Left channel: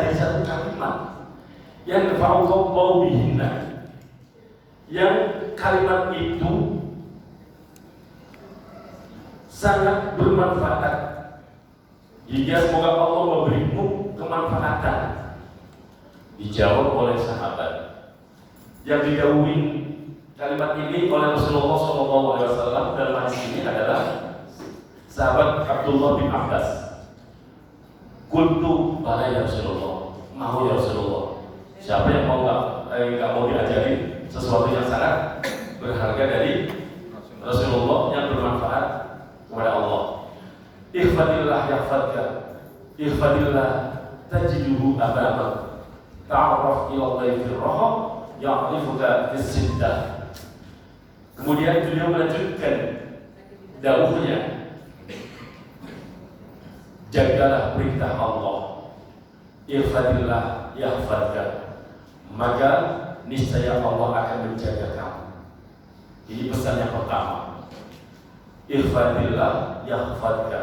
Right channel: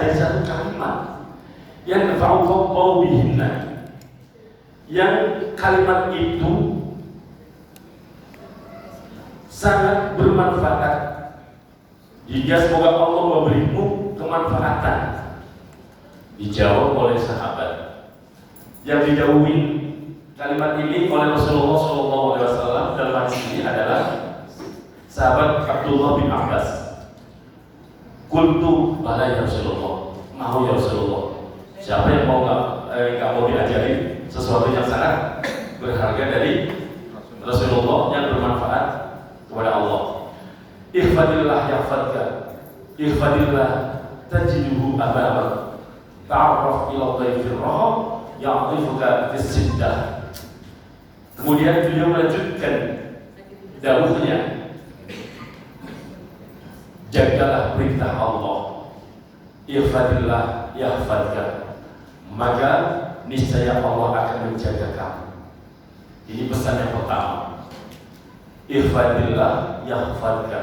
jadi satu kalimat yang nafa'ukum bihinna, yang kalimat itu sangat bermanfaat hingga semoga Allah memberimu kemanfaatan. Dijawab oleh sahabat yang didahului kalimat ini oleh Rasulullah SAW dalam hadis ini adalah sahabat Abdullah bin Abbas. Qultu bala ya Rasulullah, mau ya Rasulullah. Siapa yang mau nggak mau diajarin sesuatu yang sangat berharga dari Rasulullah yang bermanfaat kepada Allah. Ihfadillah yahfadka, ihfadillah tajiduhu amamak, ta'arraf ila Allahi fi raha ya'rifuka fis siddah. Kemudian beliau melanjutkan dawuhnya, jagalah perintah Allah, ihfadillah yahfadka, maka niscaya Allah akan menjaga kamu. Ini pesan yang pertama. Ihfadillah yahfadka,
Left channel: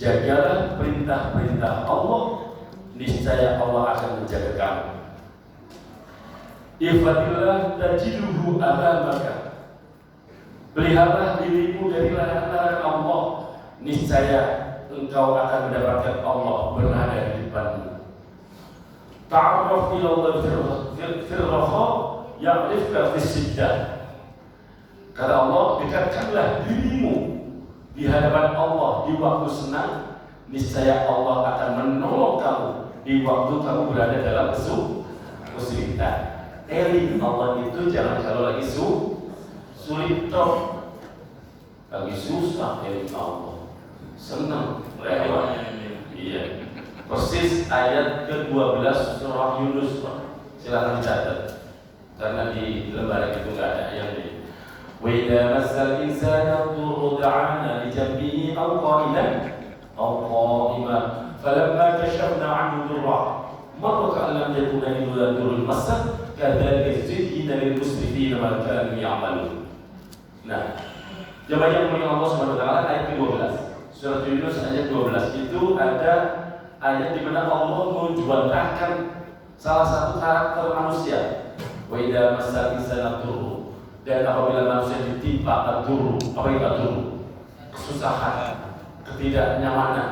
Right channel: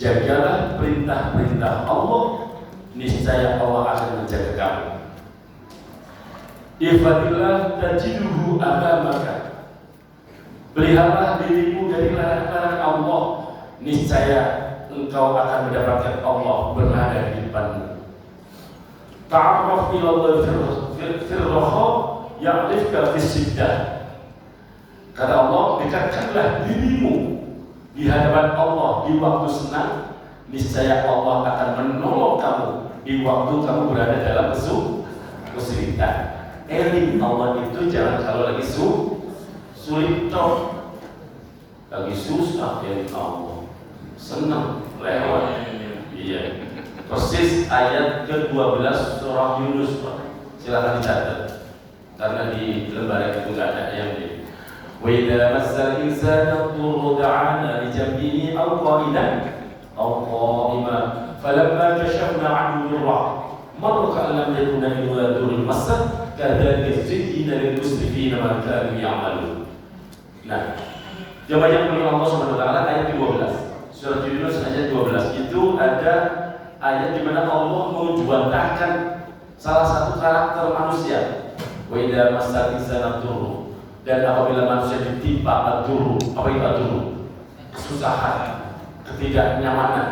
jagalah perintah-perintah Allah, niscaya Allah akan menjaga kamu. Ihfadillah tajiduhu amamaka, pelihara dirimu dari larangan Allah, niscaya engkau akan mendapatkan Allah berada di depanmu. Ta'arraf ila Allah fil raha ya'rifka fis siddah. Kata Allah, dekatkanlah dirimu di hadapan Allah di waktu senang, niscaya Allah akan menolong kamu di waktu kamu berada dalam kesulitan. Eling Allah itu jangan kalau lagi sulit toh, lagi susah eling Allah, senang lewat. Iya, persis ayat ke-12 surah Yunus. Silakan dicatat karena di lembaran itu nggak ada yang di. Wa idza massal insana dhurrun da'ana li janbihi aw qa'idan aw qa'iman falamma kashafna 'anhu dhurra marra ka'an lam yakuna illa dhurrun massa kadzalika zuyyina lil musrifina ma kanu ya'malun. Nah, coba yang Allah Subhanahu wa taala ayat 12 surat Yunus ayat 12 itu ada ayat di mana Allah menjantahkan salah satu karakter manusia. Wa idza massal insana dhurrun, dan apabila manusia ditimpa ad-dhurru, apa itu ad-dhurru? Kesusahan, ketidaknyamanan.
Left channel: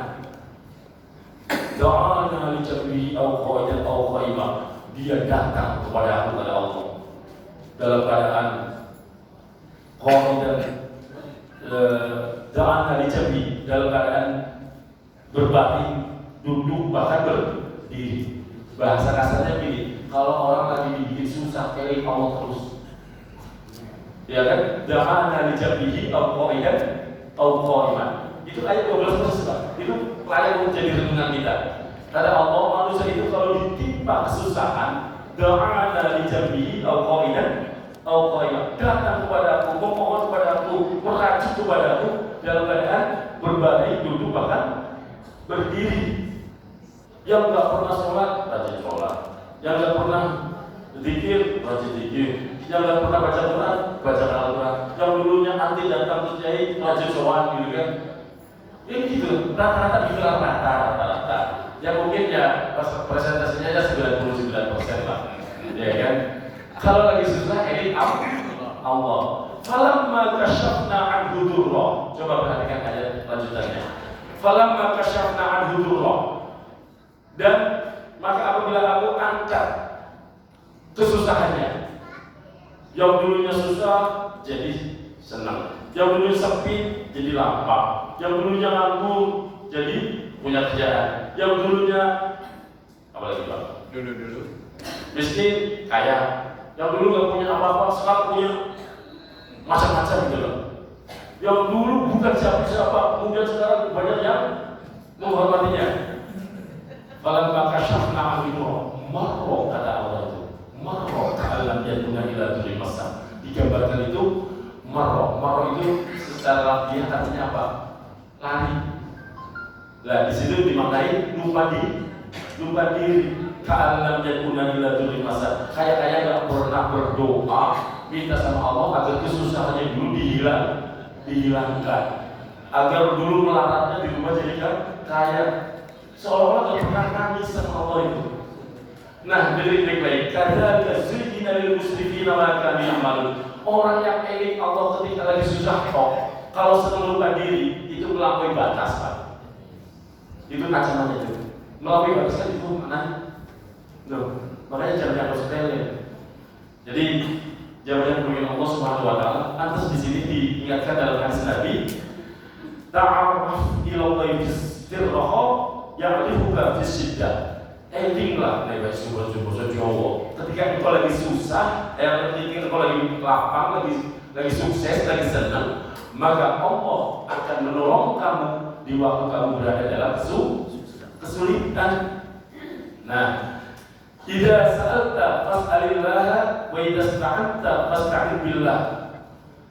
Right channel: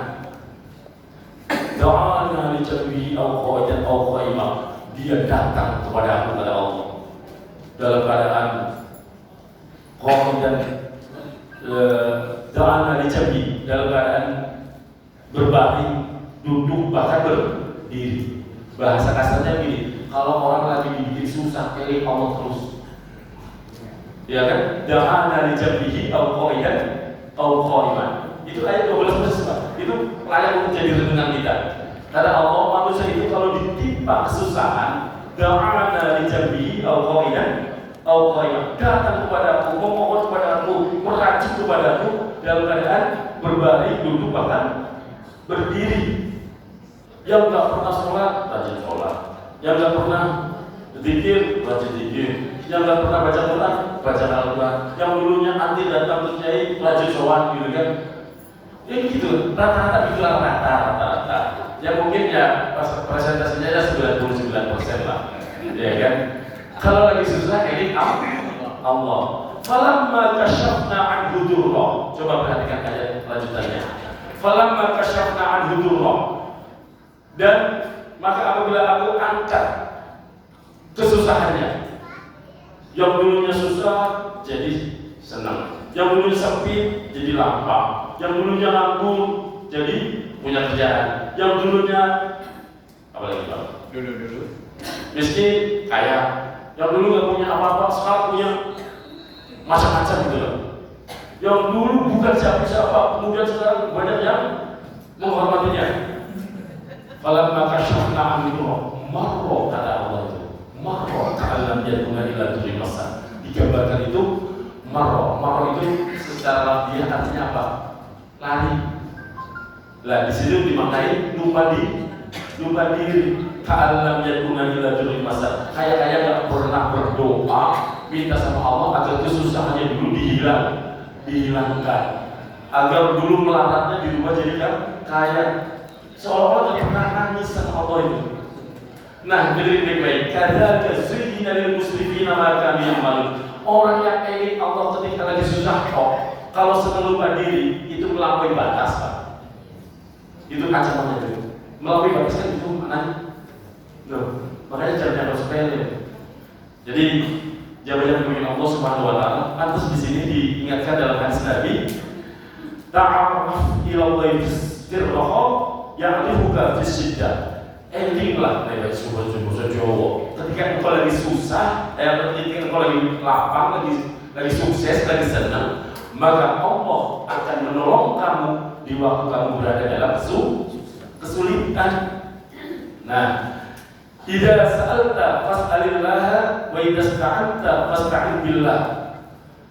Do'ana li jabbihi aw qa'idan aw qa'ima, dia datang kepada Allah dalam keadaan qa'idan, do'ana li jabbihi, dalam keadaan berbaring, duduk, bahkan berdiri. Bahasa kasarnya gini, kalau orang lagi dibikin susah, eling Allah terus. Ya kan? Da'ana li jabbihi aw qa'idan aw qa'iman. Itu ayat 12 itu layak menjadi renungan kita. Kata Allah, manusia itu kalau ditimpa kesusahan, da'ana li jabbihi aw qa'idan aw qa'iman, datang kepadaku, memohon kepadaku, merajuk kepadaku dalam keadaan berbaring, duduk, bahkan berdiri. Yang nggak pernah sholat, rajin sholat. Yang nggak pernah zikir, rajin zikir. Yang nggak pernah baca Quran, baca Al-Quran. Yang dulunya anti datang ke kiai, rajin sholat, gitu kan? Ini gitu, rata-rata dibilang rata-rata. Ya mungkin ya presentasinya ya 99% lah, ya kan? Kalau lagi susah, ini Allah. Falamma kashafna anhu dhurra. Coba perhatikan ayat lanjutannya. Falamma kashafna anhu dhurra, dan maka apabila aku angkat kesusahannya, yang dulunya susah jadi senang, yang dulunya sempit jadi lapang, yang dulunya nganggur jadi punya kerjaan, yang dulunya apa lagi Pak? Dulu miskin kaya, yang dulu nggak punya apa-apa sekarang punya macam-macam gitu loh. Yang dulu bukan siapa-siapa, kemudian sekarang banyak yang menghormatinya. Falamma kashafna anhu marra, kata Allah itu marra ka'allam yakuna illa dhurrun massa. Digambarkan itu marra itu secara dia artinya apa? Lari. Lah di situ dimaknai lupa diri. Ka'allam yakuna illa dhurrun massa. Kayak nggak pernah berdoa minta sama Allah agar kesusahannya dulu dihilangkan, agar dulu melaratnya dirubah jadi kan kayak seolah-olah nggak pernah nangis sama Allah itu. Nah, dengerin baik-baik. Kadzalika zuyyina lil musrifina ma kanu ya'malun. Orang yang eling Allah ketika lagi susah kok, kalau senang lupa diri itu melampaui batas, Pak. Itu kacamata itu. Melampaui batas kan itu mana? Loh, makanya jangan sepele. Jadi jabatan pemimpin Allah Subhanahu wa taala, pantas di sini diingatkan dalam hadis Nabi, ta'arraf ila Allah firraha ya'rifuka fis syiddah. Endinglah nek subuh-subuh Jawa. Ketika engkau lagi susah, ketika engkau lagi lapang, lagi sukses, lagi senang, maka Allah akan menolong kamu di waktu kamu berada dalam kesulitan. Nah, idza sa'alta fas'alillah wa idza ista'anta fasta'in billah.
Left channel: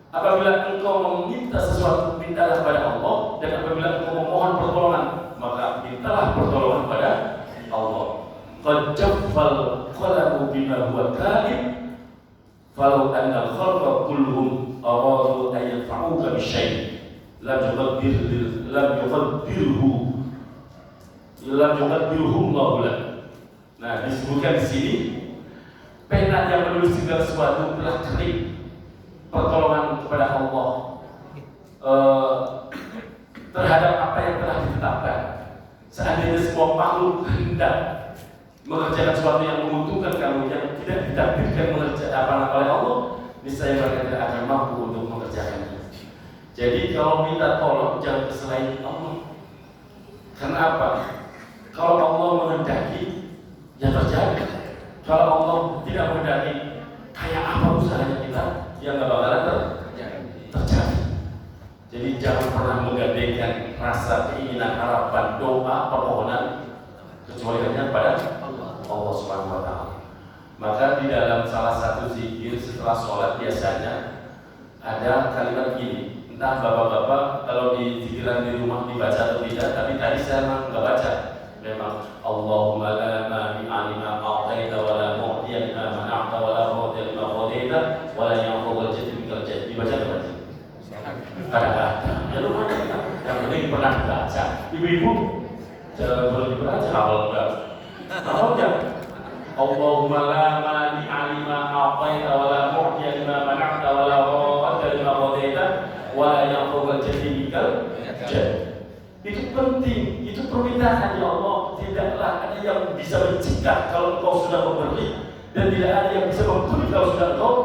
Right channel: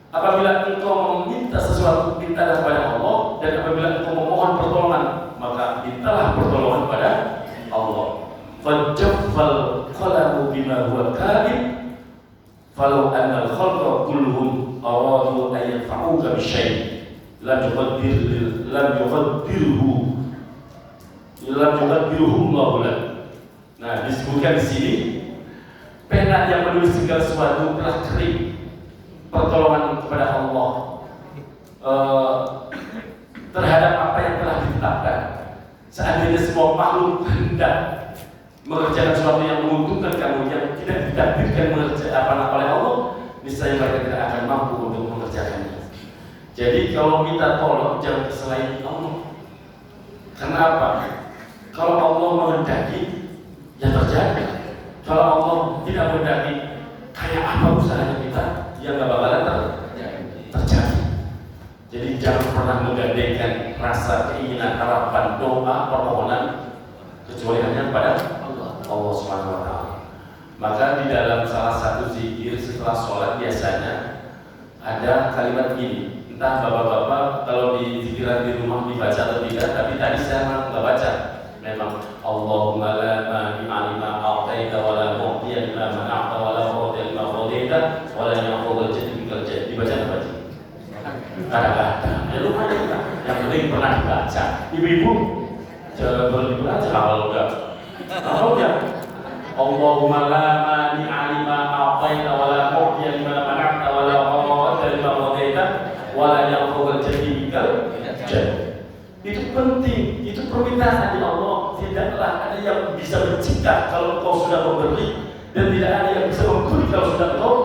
Apabila engkau meminta sesuatu, mintalah kepada Allah, dan apabila engkau memohon pertolongan, maka mintalah pertolongan kepada Allah. Fajaffal qalamu bima huwa kalim falau anna al-khalqa kulluhum aradu an yadfa'uka bi syai' lam yuqaddirhu Allah lak. Nah, disebutkan di sini pena yang menulis segala sesuatu telah kering. Pertolongan kepada Allah terhadap apa yang telah ditetapkan. Seandainya semua makhluk hendak mengerjakan sesuatu yang menguntungkan kamu, yang tidak ditakdirkan mengerjakan oleh Allah, niscaya mereka tidak akan mampu untuk mengerjakannya. Jadi kalau minta tolong jangan selain Allah. Kenapa? Kalau Allah menghendaki, ya terjadi. Kalau Allah tidak menghendaki, kayak apa usahanya kita, ya nggak bakalan terjadi. Jadi jangan pernah menggandengkan rasa keinginan, harapan, doa, permohonan kecuali hanya pada Allah Subhanahu wa taala. Maka di dalam salah satu zikir setelah sholat biasanya ada kalimat gini. Entah bapak-bapak kalau di zikiran di rumah dibaca atau tidak, tapi tadi saya nggak baca. Memang Allahumma la mani'a lima a'taita wa la mu'tiya lima mana'ta wa la mu'tiya lima qadaita wa la yanfa'u al-jaddi bikal jaddi. Dibaca enggak? Ada. Ya lumayan. Yang penting pernah dibaca. Ibu-ibu boleh dibaca kalau enggak. Kalau enggak, Allahumma la mani'a lima a'taita wa la mu'tiya lima mana'ta wa la mu'tiya lima qadaita wa la yanfa'u al-jaddi bikal jaddi. Itu penting, itu permintaan ya Allah. Tidaklah ada yang bisa mencegah kalau engkau sudah memberi, dan tidak ada yang bisa memberi kalau sudah engkau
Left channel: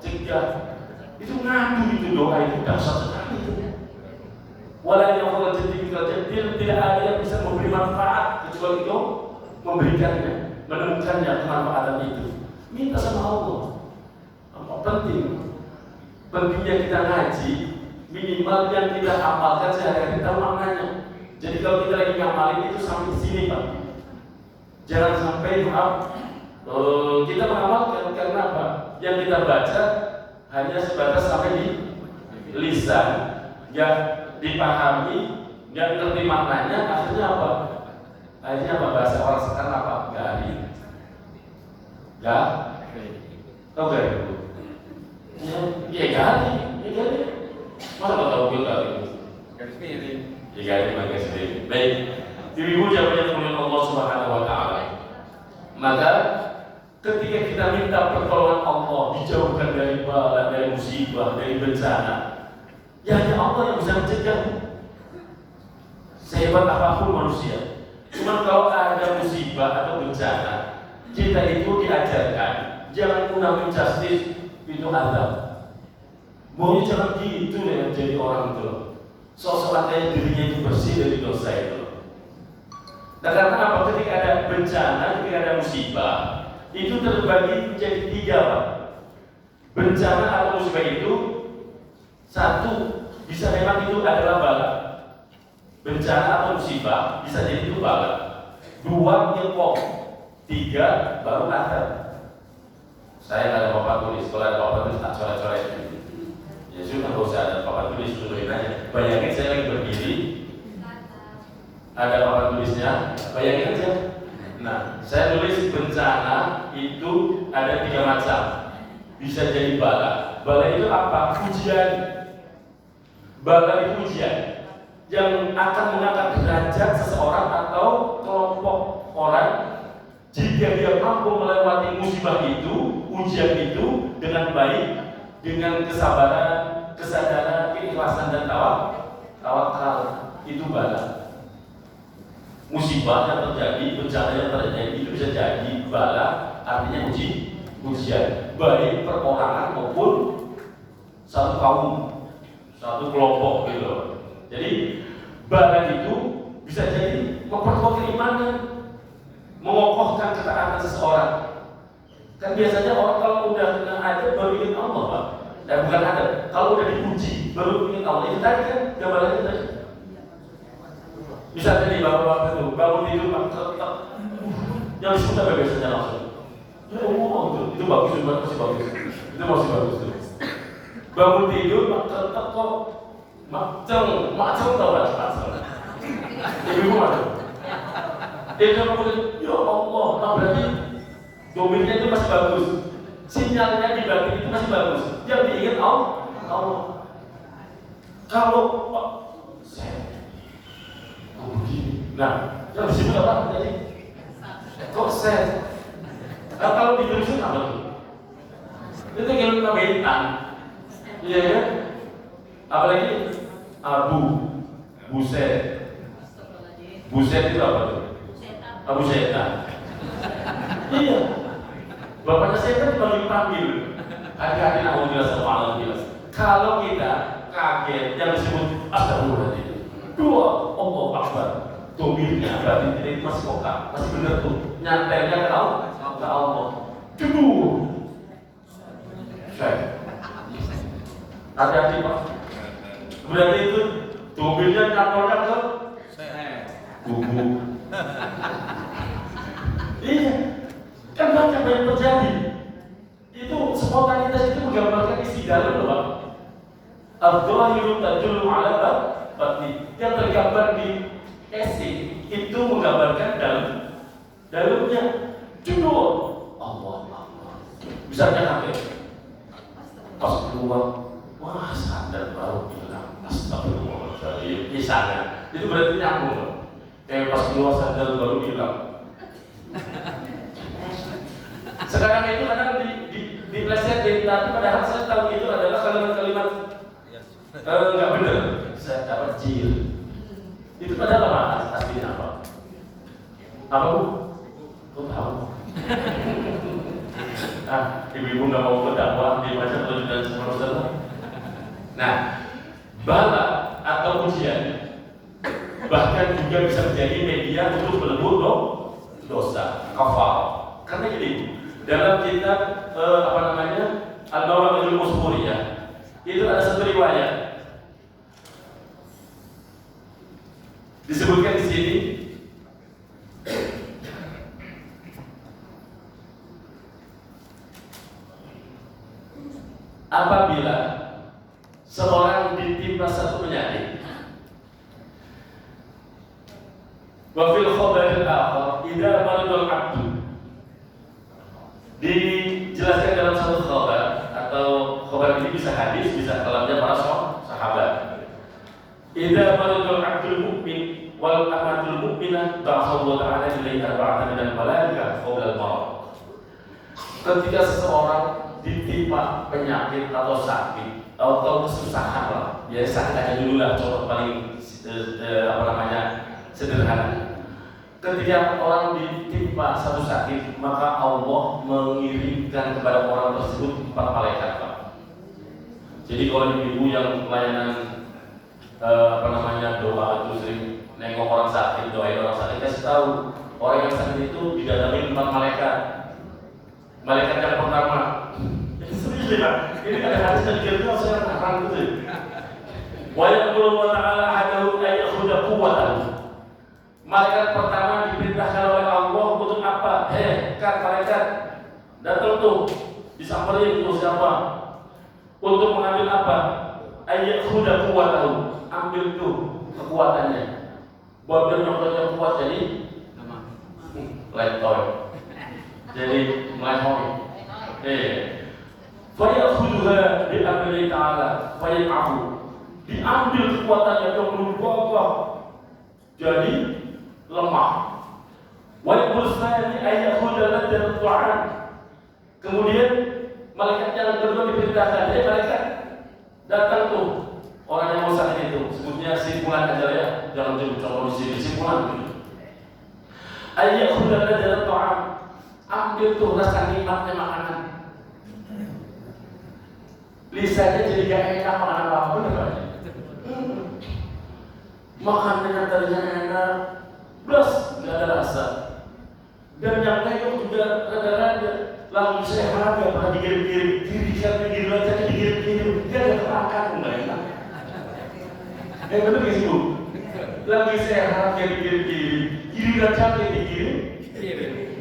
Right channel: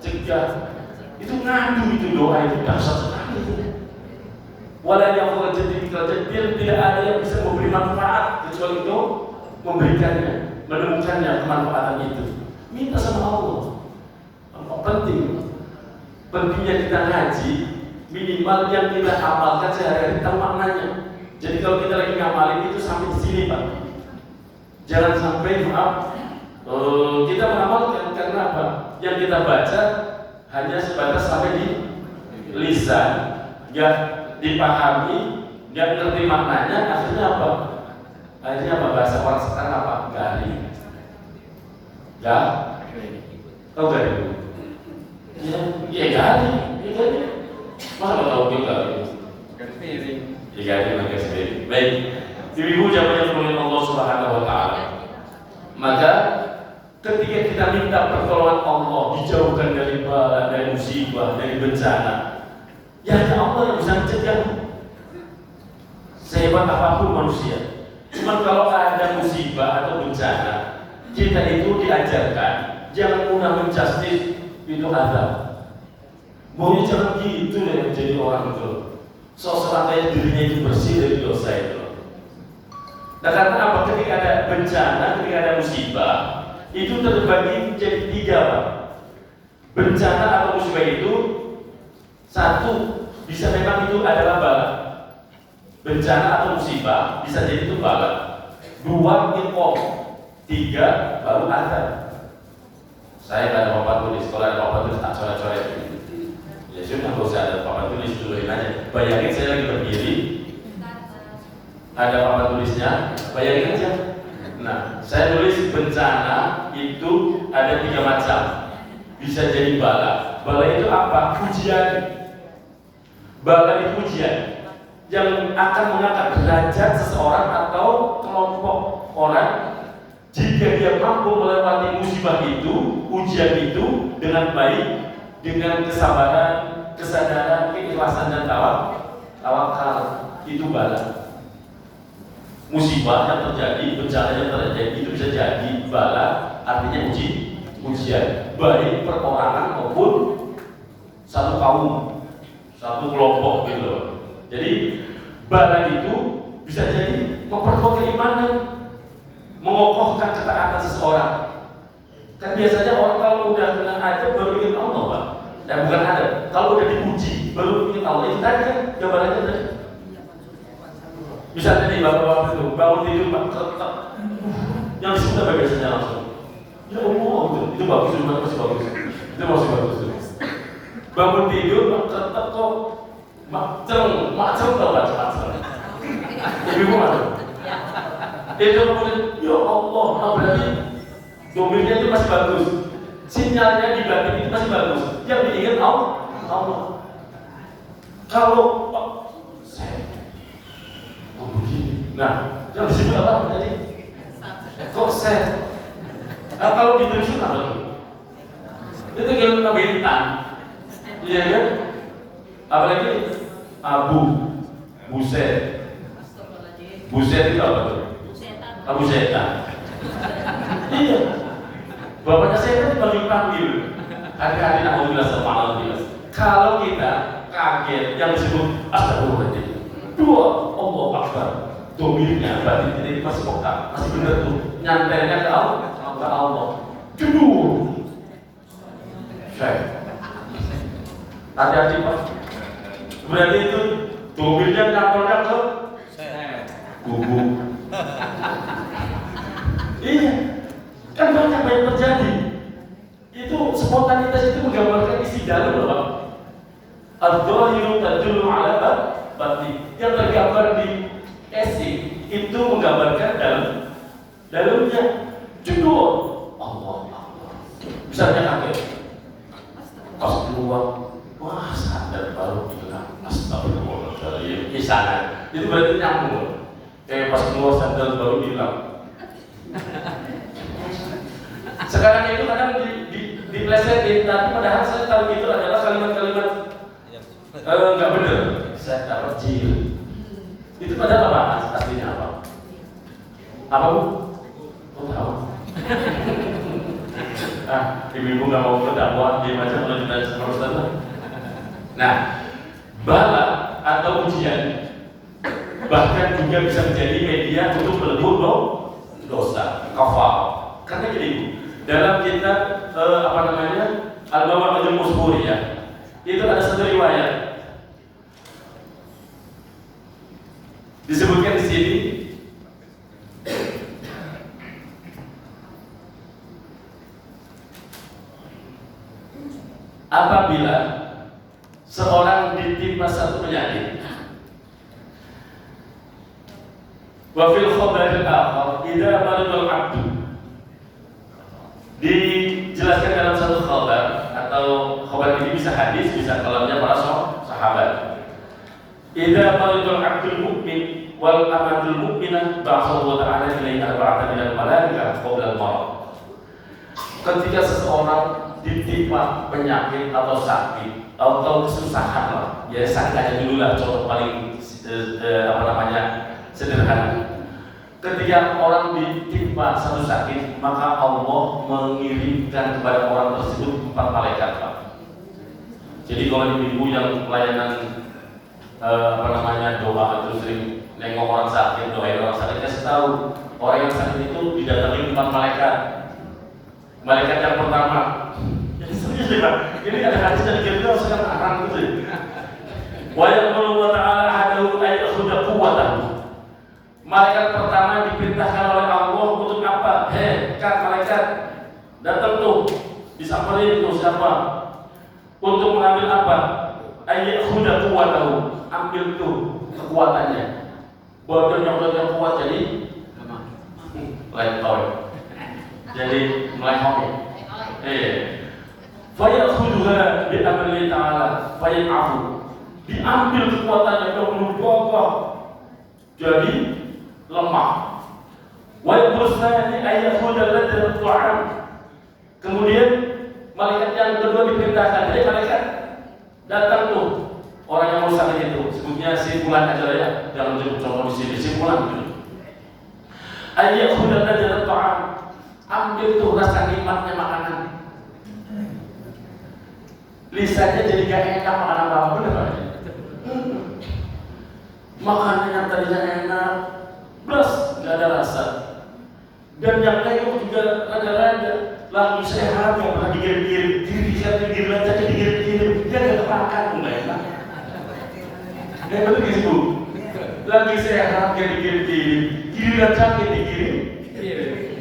cegah. Itu ngadu, itu doa itu dasar sekali. Walau yang engkau jadi tidak ada yang bisa memberi manfaat kecuali engkau memberikannya, menemukannya kemanfaatan itu. Minta sama Allah. Pentingnya kita ngaji, minimal yang kita hafalkan sehari-hari tahu maknanya. Jadi kalau kita lagi ngamalin itu sampai sini, Pak. Jangan sampai kita mengamalkan karena apa? Yang kita baca hanya sebatas sampai di lisan, nggak dipahami, nggak ngerti maknanya. Akhirnya apa? Akhirnya apa bahasa orang sekarang apa? Garing. Nggak? Tahu garing? Ya garing. Masa nggak tahu bil garing? Garing piring. Ya garing pakai sendiri. Baik. Ibu jawabannya oleh Allah Subhanahu wa taala. Maka ketika kita minta pertolongan Allah, dijauhkan dari bala, dari musibah, dari bencana, ya hanya Allah yang bisa mencegah. Sehebat apapun manusia, cuma kalau ada musibah atau bencana, kita itu diajarkan jangan mudah menjustis itu azab. Mau jangan gitu ya menjadi orang itu. Sosok katanya dirinya itu bersih dari dosa itu. Nah karena apa? Ketika ada bencana, ketika ada musibah, itu terbagi menjadi tiga, Pak. Bencana atau musibah itu satu, bisa memang itu adalah bala. Bencana atau musibah bisa jadi itu bala. Dua, ilkom. Tiga, baru azab. Saya ada papan tulis, kalau ada papan tulis tak coret-coret. Ya sudah, nggak usah ada papan tulis, tulisin aja. Bayangin saya lagi berdiri, ada papan tulisnya, bayangin aja. Nah, saya tulis bencana itu ada tiga macam. Bisa jadi bala. Bala itu apa? Ujian. Bala itu ujian yang akan mengangkat derajat seseorang atau kelompok. orang jika dia mampu melewati musibah itu, ujian itu dengan baik, dengan kesabaran, kesadaran, keikhlasan dan tawakal, itu bala. Musibah yang terjadi, bencana yang terjadi itu bisa jadi bala, artinya ujian, baik perorangan maupun satu kaum, satu kelompok gitu loh. Jadi bala itu bisa jadi memperkuat keimanan, mengokohkan ketaatan seseorang. Kan biasanya orang kalau udah kena ada baru ingin Allah, Pak. Dan bukan ada. Kalau udah diuji baru ingin Allah. Itu tadi kan jawabannya tadi. Misalnya nih bapak-bapak itu bangun tidur tetap yang disebut apa biasanya langsung? Ya Allah, itu bagus, itu masih bagus. Itu masih bagus. Bangun tidur tetap kok macam tau gak? Ibu mana? Dia kemudian, ya Allah, nah berarti domirnya itu masih bagus, sinyalnya di batin itu masih bagus. Yang diingat Allah. Kalau saya begini, nah yang disebut apa tadi? Kok saya? Kalau ditulisin apa tuh? Itu ilmu bintang, iya kan? Apalagi buset itu apa tuh? Abu setan. Iya. Bapaknya setan panggil. Hati-hati alhamdulillah sama Allah. Kalau kita kaget yang disebut astagfirullahaladzim. Dua, Allah Akbar. Domirnya berarti ini masih kotak, masih benar tuh. Nyantainya ke Allah. Kedua. Saya. Hati-hati Pak. Berarti itu domirnya kantornya ke kubu. Iya, kan banyak yang terjadi. Itu spontanitas itu menggambarkan isi dalam Pak. Al-Dhahiru tadullu ala batin. Yang tergambar di casing itu menggambarkan dalamnya. Judul Allah. Misalnya kaget. Pas keluar, wah sadar baru bilang astagfirullahaladzim. Kisahan. Itu berarti nyambung. Pas keluar sadar baru bilang. Sekarang itu kadang diplesetin, tapi padahal saya tahu itu adalah kalimat-kalimat nggak benar. Saya tahu jil. Itu padahal apa? Aslinya apa? Apa Bu? Kau tahu? Ibu-ibu nggak mau berdakwah di macam dan seterusnya. Nah, bala atau ujian bahkan juga bisa menjadi media untuk berbuat dosa, kafar. Karena gini, dalam kitab Al-Mawaqidul Musburiyah itu ada satu riwayat disebutkan di sini. Apabila seorang ditimpa satu penyakit, wa fil khabaril akhar idza maridal abdu, dijelaskan dalam satu khabar, atau khabar ini bisa hadis, bisa kalamnya para sahabat. Idza maridal abdul mu'min wal amatul mu'minah ba'athallahu ta'ala ilaihi arba'atan minal malaikah qabla al-maut. Ketika seseorang ditimpa penyakit atau sakit atau kesusahan lah, ya sakit aja dulu lah, contoh paling sederhana. Ketika orang ditimpa satu sakit, maka Allah mengirimkan kepada orang tersebut 4 malaikat, Pak. Jadi kalau ibu yang pelayanan doa itu sering nengok orang sakit, doain orang sakit, kasih tahu orang yang sakit itu didatangi 4 malaikat. Malaikat yang pertama, ini ada hadis yang kita sekarang arang gitu. Wa yaqulu ta'ala adu ayyakhudha quwwatahu. Malaikat pertama diperintahkan oleh Allah untuk apa? Kan malaikat datang tuh, disamperin tuh siapa? Untuk mengambil apa? Ayyakhudha quwwatahu. Ambil tuh kekuatannya. Bawa yang kuat jadi letoy. Jadi melehoi. Fayakhudha bi amri ta'ala fayaqafu. Diambil kekuatannya untuk berubah jadi lemah. Wa yaqulani ayyakhudha ladzat ta'am. Kemudian malaikat yang kedua diperintahkan, jadi malaikat datang tuh orang yang mau sakit itu, sebutnya si fulan aja ya, jangan coba di sini si fulan. Ayyakhudha ladzat ta'am, ambil tuh rasa nikmatnya makanan. Lisannya jadi gak enak makan apa benar. Makanan yang tadinya enak, plus gak ada rasa. Dan yang lain juga rada-rada lagi sehat, gak pernah digiring-giring, digiring aja, digiring-giring, dia gak makan, enggak enak. Betul gitu. Lagi sehat, dia digiring-giring, giliran sakit digiring.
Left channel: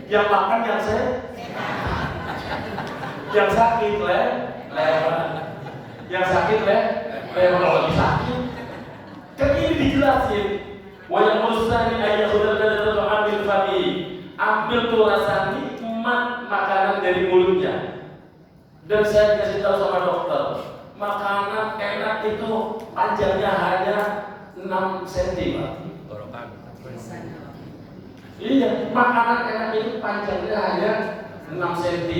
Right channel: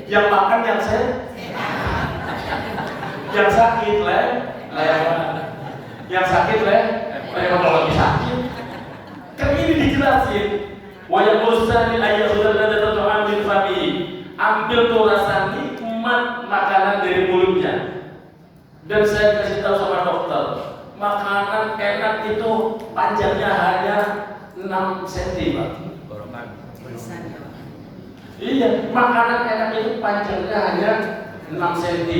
Yang makan yang sehat, yang sakit lewat. Yang sakit kalau lagi sakit. Kan ini dijelasin. Wa yaqulani ayyakhudha ladzat ta'am min famihi. Ambil tuh rasa nikmat makanan dari mulutnya. Dan saya kasih tahu sama dokter, makanan enak itu panjangnya hanya 6 cm, Pak. Iya, makanan enak itu panjangnya hanya 6 cm,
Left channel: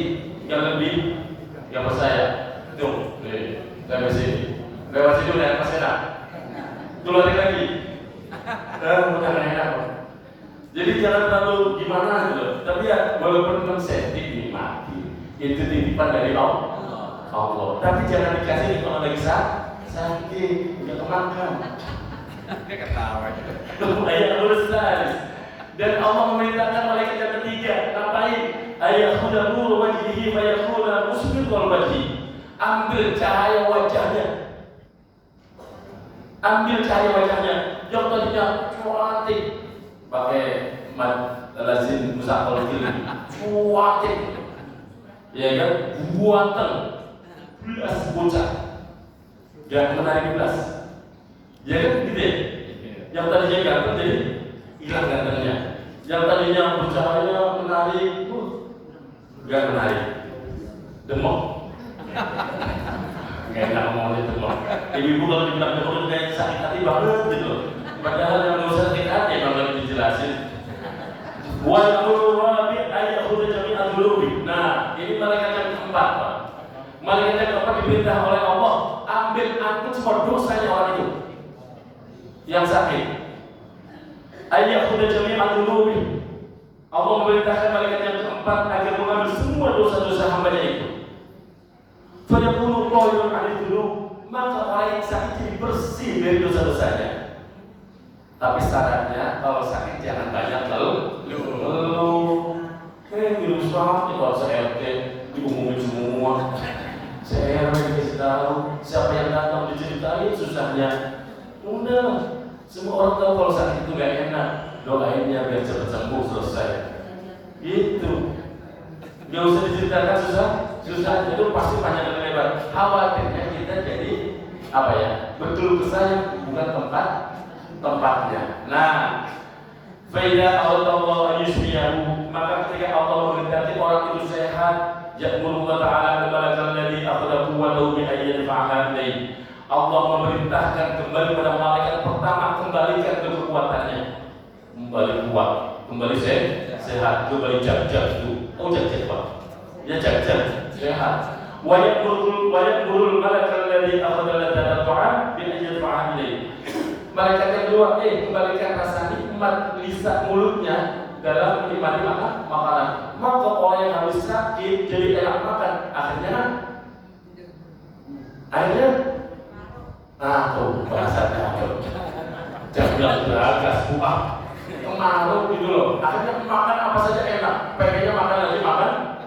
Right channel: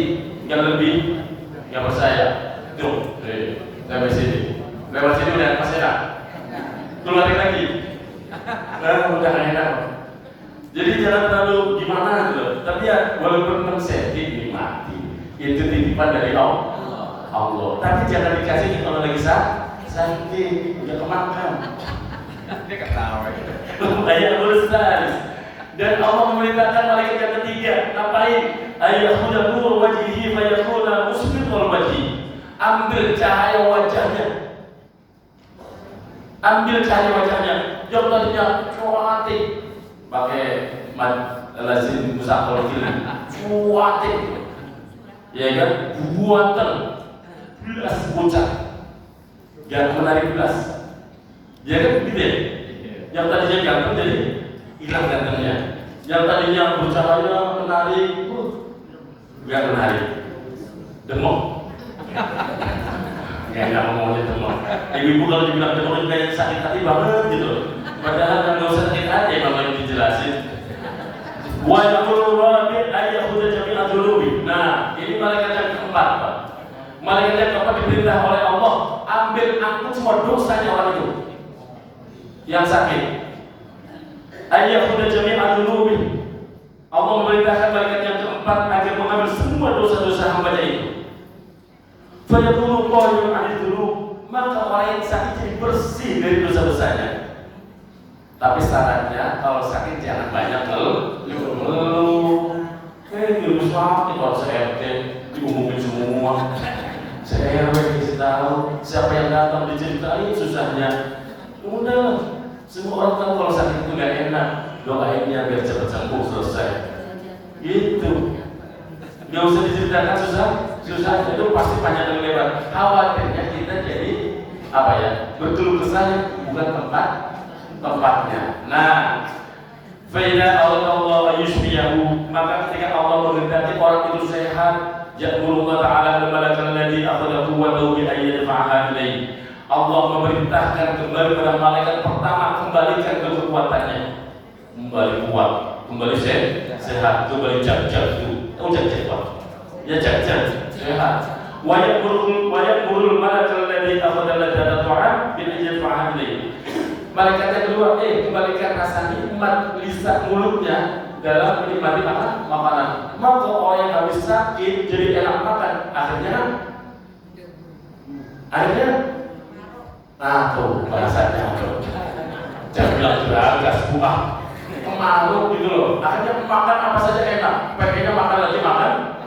nggak lebih, nggak percaya. Tuh, lewat sini udah masih enak. Keluarin lagi. Udah enak. Jadi jangan terlalu gimana gitu. Tapi ya walaupun 6 cm nikmati. Itu titipan dari Allah. Tapi jangan dikasih kalau lagi sakit, udah kemakan. Dia ketawa. Ayat Al-Ustaz. Dan Allah memerintahkan malaikat yang ketiga, ngapain? Ayyakhudha nur wajhihi fa yakhudha musbitul wajhi. Ambil cahaya wajahnya. Yang tadinya cuatik, pakai lazim musaqal kiri, cuatik, ya kan? Buatan belas bocah, gak menarik belas, ya kan gitu ya? Yang tadinya ganteng jadi hilang gantengnya. Yang tadinya bercahaya menarik, gak menarik, demok. Gak ngomong itu loh. Ibu-ibu kalau dibilang demam juga yang sakit hati banget gitu. Padahal yang nggak usah sakit hati kalau lagi dijelasin. Wa yaqulu rabbi ayyakhudha jami'an dhulubi. Nah, ini malaikat yang keempat. Malaikat yang keempat diperintah oleh Allah, ambil angkut semua dosanya orang itu yang sakit. Ayyakhudha jami'an dhulubi. Allah memerintahkan malaikat yang keempat agar mengambil semua dosa-dosa hambanya itu. Fayaqulu qailun adidulu, maka orang yang sakit jadi bersih dari dosa-dosanya. Tapi syaratnya kalau sakit jangan banyak ngeluh. Dulu sakit kalau saya RT diumumin semua. Saya RW dikasih tahu, siapa yang datang diceritain susahnya. Udah, semua orang tahu kalau sakit itu gak enak. Doainnya biar cepat sembuh selesai. Gitu. Gak usah diceritakan susah itu pasti panjang dan lebar. Khawatirnya kita jadi apa ya? Berkeluh kesah bukan tempatnya. Nah, faida Allah yushbiyahu, maka ketika Allah menghendaki orang itu sehat, ya'muru ta'ala al-malakal ladzi akhadha quwwatahu bi ayyi fa'ala ilayhi. Allah memerintahkan kembali kepada malaikat pertama, kembalikan kekuatannya. Kembali kuat, kembali sehat, kembali jajal itu. Oh jajal. Ya jajal. Sehat. Wa ya'murul malakal ladzi akhadha ladzat ta'am bi ayyi fa'ala ilayhi. Malaikat yang kedua, kembalikan rasa nikmat lisan mulutnya dalam menikmati makanan. Maka orang yang habis sakit jadi enak makan. Akhirnya tuh rasanya jangan bilang geragas buah pengaruh gitu loh. Akhirnya makan apa saja enak, pengennya makan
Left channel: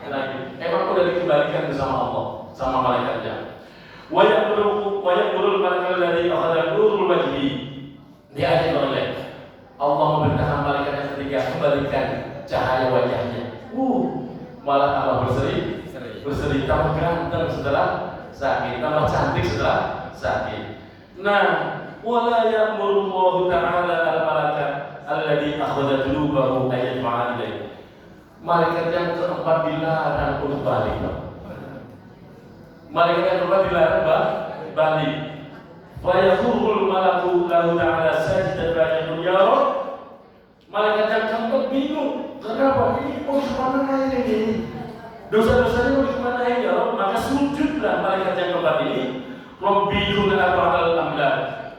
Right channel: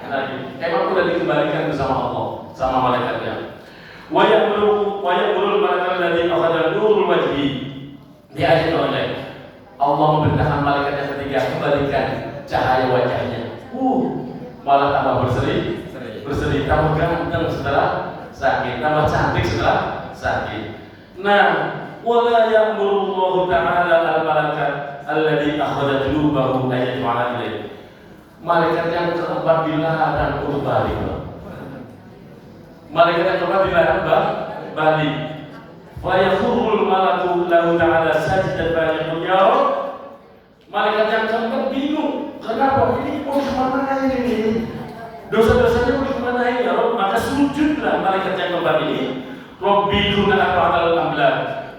lagi. Emang udah dikembalikan bersama Allah, sama malaikatnya. Wa ya'murul malakal ladzi akhadha nurul wajhi. Di ayat lain Allah memerintahkan malaikat yang ketiga kembalikan cahaya wajahnya. Malah tambah berseri, tambah ganteng setelah sakit, tambah cantik setelah sakit. Nah, wala ya'murullahu ta'ala al-malakat alladzi akhadha qulubahu ayat fa'ala ilayhi. Malaikat yang keempat dilarang untuk balik. Malaikat yang keempat dilarang balik. Fa yakhurul malaku lahu ta'ala sajdan fa yaqul ya Rabb. Malaikat yang keempat bingung, Kenapa ini kemana ini? Dosa-dosanya kemana ya Allah? Maka sujudlah malaikat yang keempat ini. Robbi duna arba'al amlak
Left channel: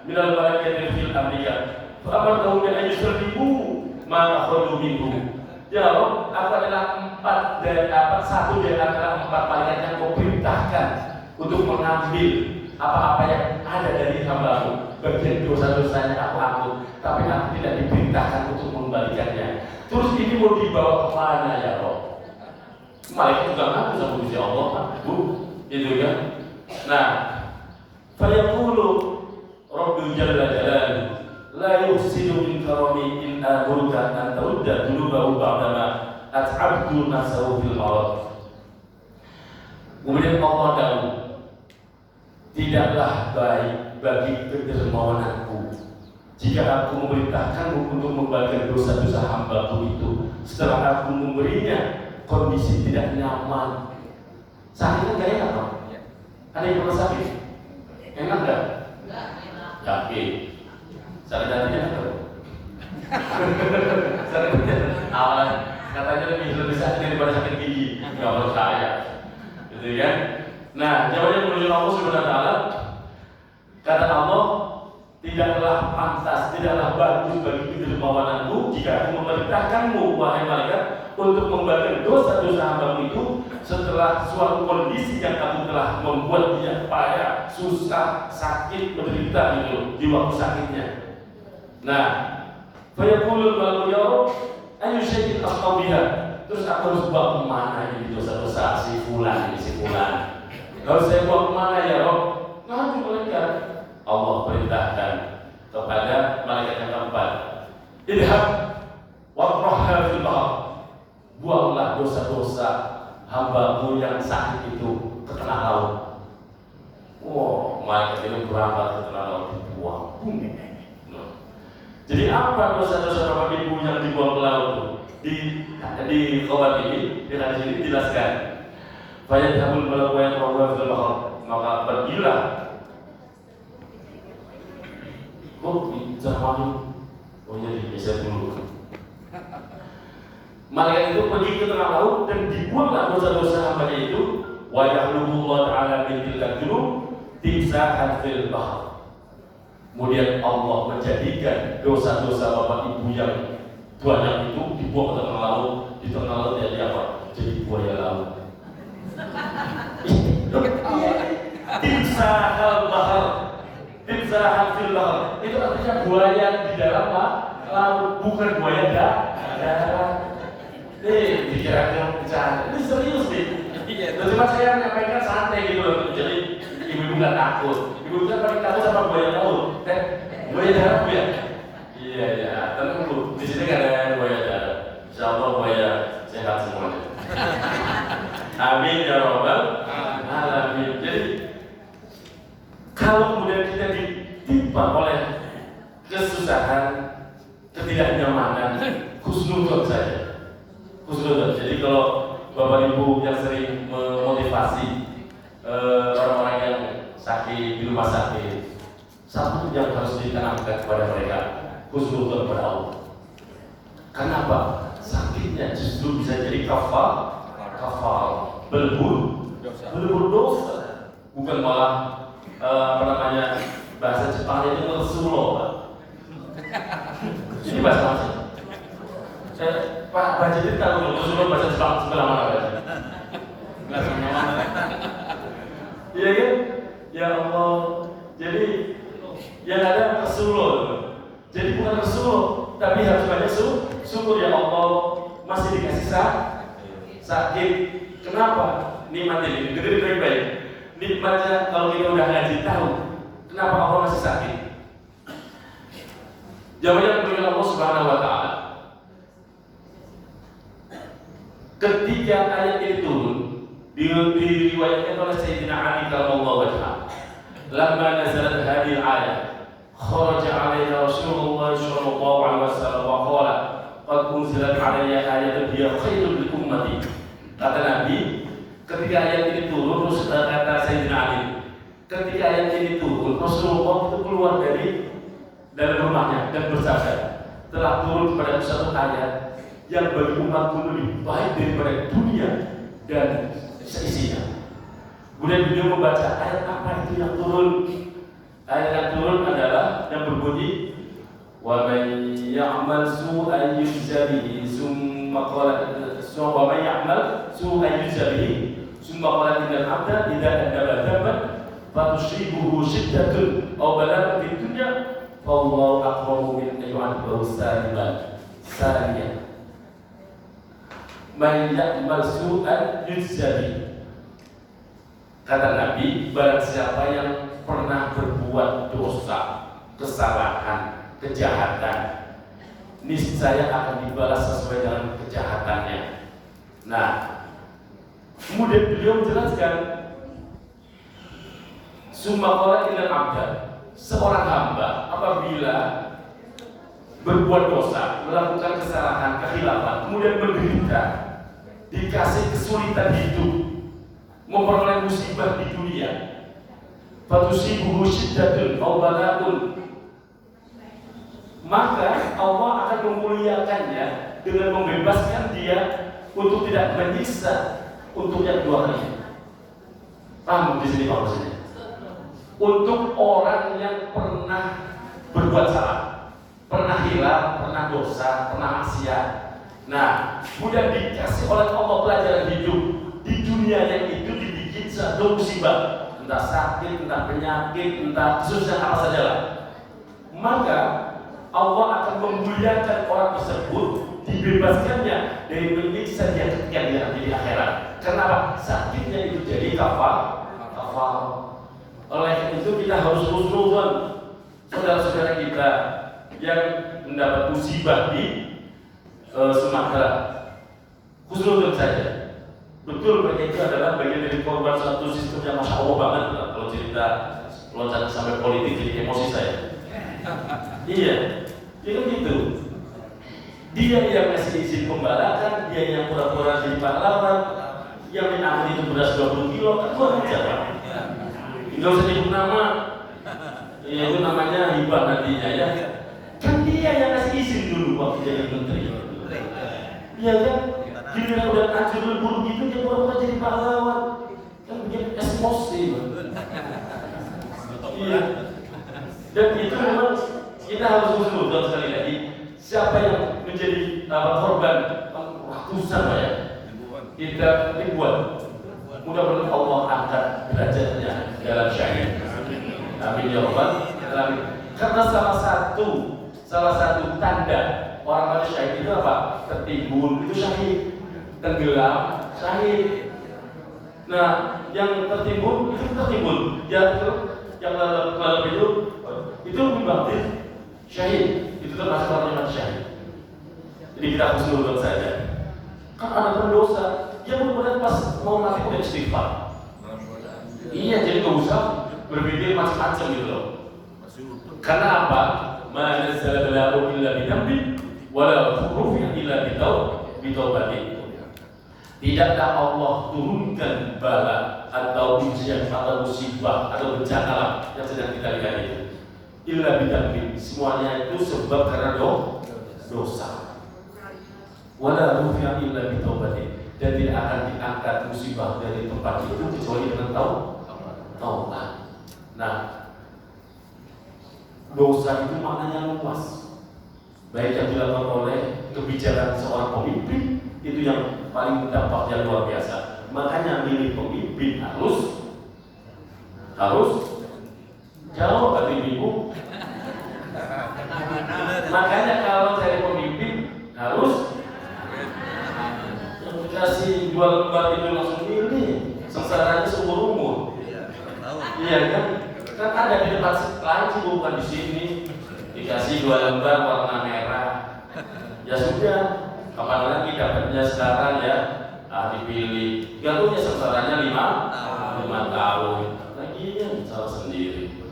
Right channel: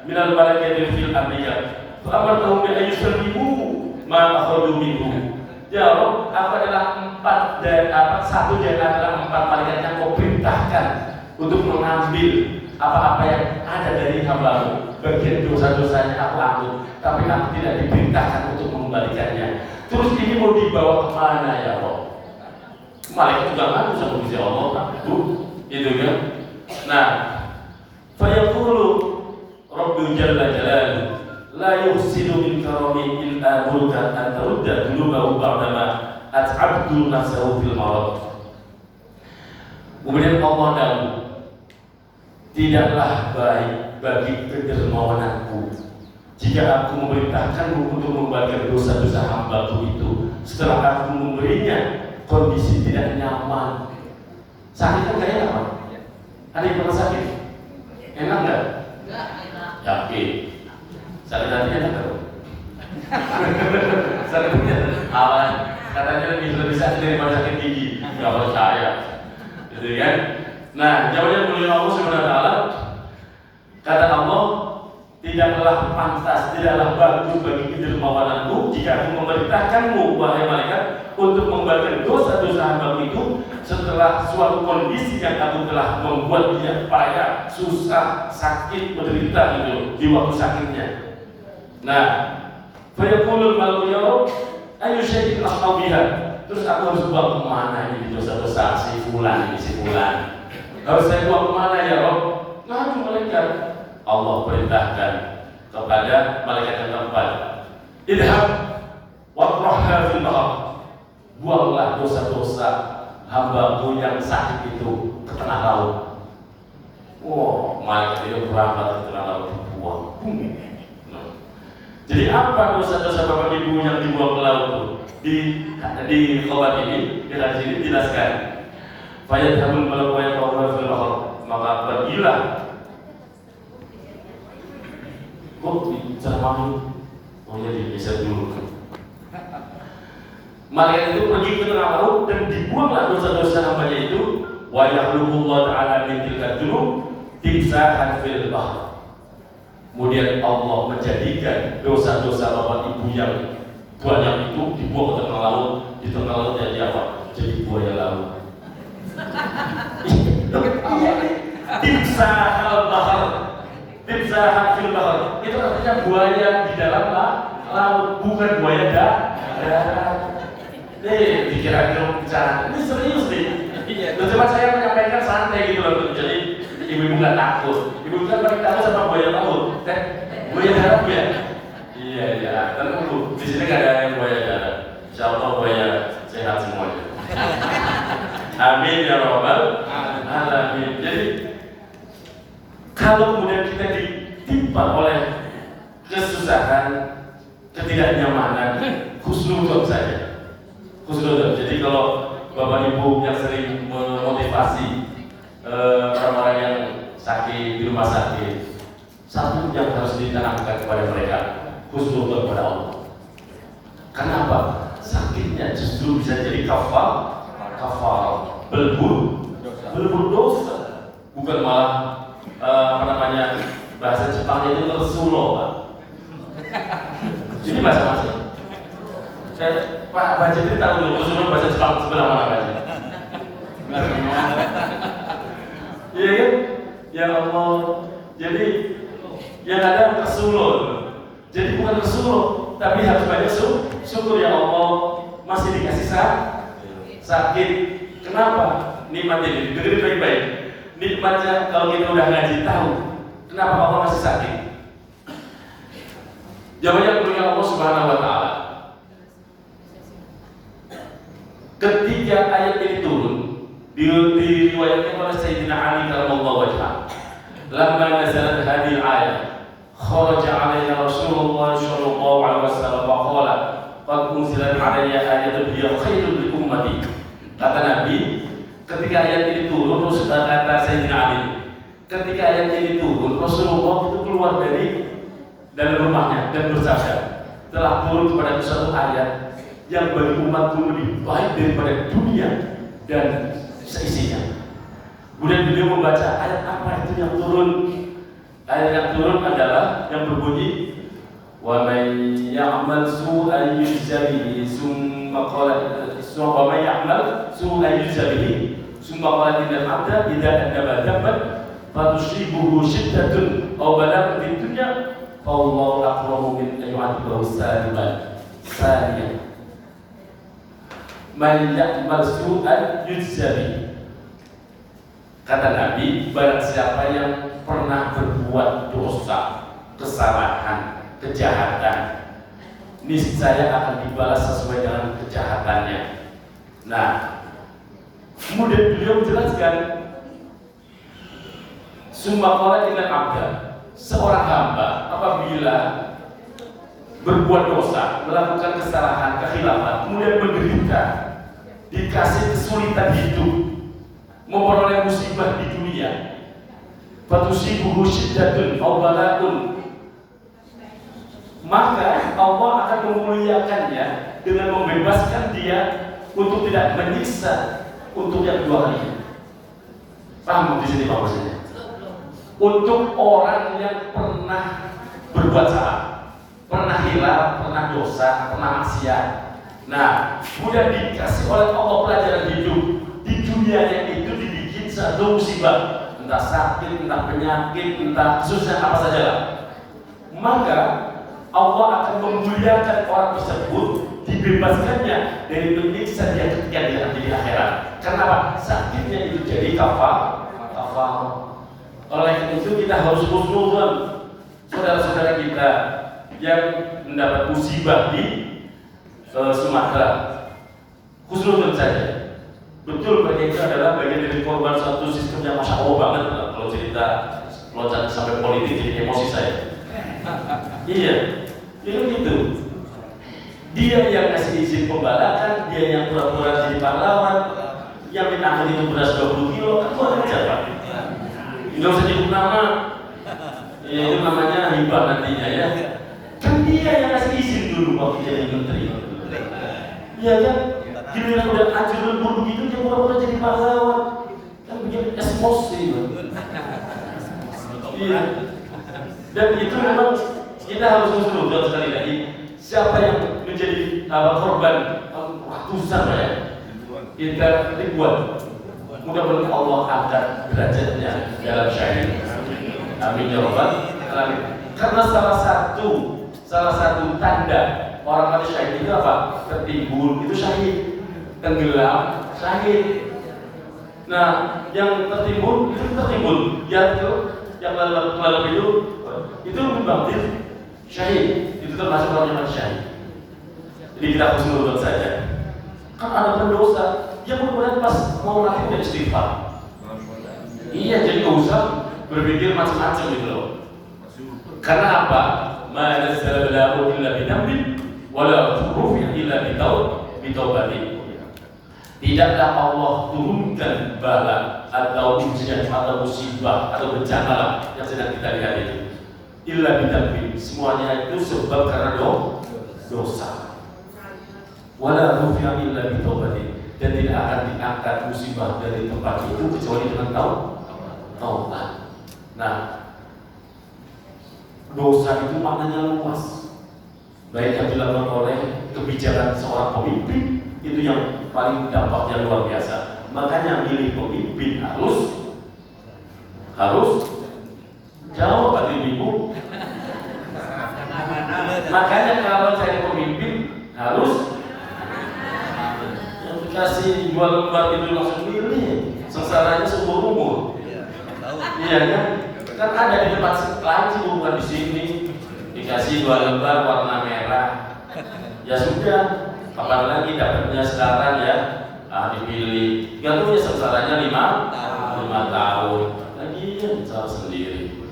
minal malaikati fil amriyat. Fa'amartahum bi ayyusrimu ma akhadhu minhu. Ya Allah, aku adalah satu dari antara 4 malaikat yang kau perintahkan untuk mengambil apa-apa yang ada dari hamba-Mu. Bagian dosa-dosanya aku ambil, tapi aku tidak diperintahkan untuk mengembalikannya. Terus ini mau dibawa kemana ya Allah? Malaikat juga ngaku sama Gusti Allah, itu kan? Nah, fayaqulu Rabbi jalla jalaluhu la yuhsinu min karami illa amuruka an tarudda dulubahu ba'dama at'abdu nafsahu fil marad. Kemudian Allah dahulu, tidaklah baik bagi kedermawananku jika aku memerintahkanmu untuk membagikan dosa-dosa hamba-Ku itu setelah aku memberinya kondisi tidak nyaman. Sakit kan gak enak, Pak? Ada yang pernah sakit? Enak gak? Enggak enak. Yakin? Sakit hatinya enak gak? Sakit hatinya awan. Katanya lebih sakit daripada sakit gigi. Gak percaya. Gitu kan? Nah, jawabannya melalui Allah Subhanahu wa Ta'ala. Kata Allah, tidaklah pantas, tidaklah bagus bagi kedermawananmu jika aku memerintahkanmu, wahai malaikat, untuk membagikan dosa-dosa hamba itu setelah suatu kondisi yang aku telah membuat dia payah, susah, sakit, menderita gitu di waktu sakitnya. Nah, fayaqulul malaku ya Rabb, ayu syai'in asna'u biha. Terus aku harus bawa kemana ini dosa-dosa si fulan ini, si fulan? Harus saya bawa kemana ya Rabb? Ngadu malaikat. Allah perintahkan kepada malaikat yang keempat, idhab watrahha fil bahr. Buanglah dosa-dosa hamba-Mu yang sakit itu ke tengah laut. Wow, malaikat itu berangkat ke tengah laut dibuang. Jadi apa dosa-dosa Bapak Ibu yang dibuang ke laut itu? Di khobar ini, di hadis ini dijelaskan. Fayadhabul malaku wa yatawaffa fil bahr. Maka pergilah. Oh jadi geser dulu. Malaikat itu pergi ke tengah laut dan dibuanglah dosa-dosa hambanya itu. Wa yakhluqullahu ta'ala min tilka dzunub timsahan fil bahr. Kemudian Allah menjadikan dosa-dosa Bapak Ibu yang banyak itu dibuang ke tengah laut. Di tengah laut jadi apa? Jadi buaya laut. Timsahal bahr. Timsahan fil bahr. Itu artinya buaya di dalam laut, bukan buaya darat. Dikira-kira bercanda. Ini serius nih. Cuma saya menyampaikan santai gitu loh. Jadi ibu-ibu nggak takut. Ibu kan paling takut sama buaya laut. Buaya darat ya? Iya. Tentu Bu. Di sini nggak ada yang buaya darat. Insya Allah buaya sehat semuanya. Amin ya Rabbal alamin. Jadi kalau kemudian kita ditimpa oleh kesusahan, ketidaknyamanan, husnuzon saja. Husnuzon. Jadi kalau Bapak Ibu yang sering memotivasi orang-orang yang sakit di rumah sakit, satu yang harus ditanamkan kepada mereka, husnuzon kepada Allah. Kenapa? Sakitnya justru bisa jadi kafar, belbur dosa, bukan malah bahasa Jepang itu tersulo, Pak. Ini bahasa apa sih? Pak Baca itu tahu dulu tersulo bahasa Jepang sebelah mana Baca? Iya kan? Ya Allah. Jadi yang ada tersulo. Jadi bukan tersulo, tapi harus banyak syukur ya Allah masih dikasih sakit. Kenapa? Nikmat ini dengerin baik-baik. Nikmatnya kalau kita udah ngaji tahu kenapa Allah masih sakit. Jawabannya dengan Allah Subhanahu wa Ta'ala. Ketika ayat ini turun, diriwayatkan oleh Sayyidina Ali karamallahu wajhahu. Lamma nazalat hadhihi al-ayah, kharaja 'alaina Rasulullah sallallahu alaihi wasallam wa qala, "Qad unzilat 'alayya ayatun hiya khairun li ummati." Kata Nabi, ketika ayat ini turun, kata Sayyidina Ali, ketika ayat ini turun, Rasulullah itu keluar dari dalam rumahnya dan bersabda, telah turun kepada suatu ayat yang bagi umatku lebih baik daripada dunia dan seisinya. Kemudian beliau membaca ayat apa itu yang turun. Ayat yang turun adalah yang berbunyi wa man ya'mal su'an yujza bihi summa qala wa man ya'mal su'an yujza bihi summa qala innal 'abda idza adaba dhanban fatusibuhu shiddatun aw balaghatun fid dunya fa Allahu aqrabu min an yu'adhibahu saniyan. Man ya'mal su'an yujza bihi. Kata Nabi, barang siapa yang pernah berbuat dosa, kesalahan, kejahatan, niscaya akan dibalas sesuai dengan kejahatannya. Nah, kemudian beliau menjelaskan, summa qala innal 'abda, seorang hamba apabila berbuat dosa, melakukan kesalahan, kekhilafan, kemudian menderita, dikasih kesulitan hidup, memperoleh musibah di dunia, fatusibuhu syiddatun aw bala'un, maka Allah akan memuliakannya dengan membebaskan dia untuk tidak menyiksa untuk yang dua kalinya. Paham di sini maksudnya? Untuk orang yang pernah berbuat salah, pernah hilaf, pernah dosa, pernah maksiat. Nah, kemudian dikasih oleh Allah pelajaran hidup di dunia yang itu dibikin satu musibah, entah sakit, entah penyakit, entah kesusahan apa saja. Maka Allah akan memuliakan orang tersebut, dibebaskannya dari menyiksa dia ketika dia nanti di akhirat. Kenapa? Sakitnya itu jadi kafar. Oleh itu kita harus husnuzon saudara-saudara kita yang mendapat musibah di Sumatera. Husnuzon saja. Betul, mereka itu adalah bagian dari korban satu sistem yang masya Allah banget. Kalau cerita loncat sampai politik jadi emosi saya. Iya, itu gitu. Dia yang ngasih izin pembalakan, dia yang pura-pura jadi pahlawan, yang minta itu beras 20 kilo, kan orang siapa? Nggak usah nyebut nama. Ya, itu namanya hibah nantinya ya. Kan dia yang ngasih izin dulu waktu jadi menteri. Iya kan? Giliran udah hancur lebur begitu, dia udah jadi pahlawan. Kan bikin emosi. Iya. Dan itu memang kita harus usul sekali lagi. Siapa yang menjadi korban ratusan ya? Kita ribuan. Mudah-mudahan Allah angkat derajatnya dalam syahid. Amin ya rabbal alamin. Karena salah satu tanda orang mati syahid itu apa? Tertimbun itu syahid. Tenggelam, syahid. Nah, yang tertimbun itu tertimbun, yang lalu itu lebih bagus, syahid. Itu termasuk orang yang syahid. Jadi kita harus menurut saja. Kan ada pendosa yang kemudian pas mau mati udah istighfar. Iya, jadi nggak usah berpikir macam-macam gitu loh. Karena apa? Ma nazzala lahu illa bidambin, wala rufi'a illa bitaubatin. Tidaklah Allah turunkan bala atau ujian atau musibah atau bencana yang sedang kita lihat itu. Illa bidambin, semuanya itu sebab karena dosa. Wala rufi'a illa bitaubatin, dan tidak akan diangkat musibah dari tempat itu kecuali dengan taubat. Nah, dosa itu maknanya luas, baik yang dilakukan oleh kebijakan seorang pemimpin itu yang paling dampaknya luar biasa. Makanya milih pemimpin harus jauh bagi ibu. Makanya kalau cari pemimpin harus kasih jual lembar itu langsung milih, sengsaranya seumur umur. Iya kan? Kan ada di tempat lain sih, bukan di sini. Dikasih dua lembar warna merah, ya sudah. Apalagi dapatnya sekarang ya, dipilih. Gak punya sengsaranya 5 tahun. Lagian salah sendiri.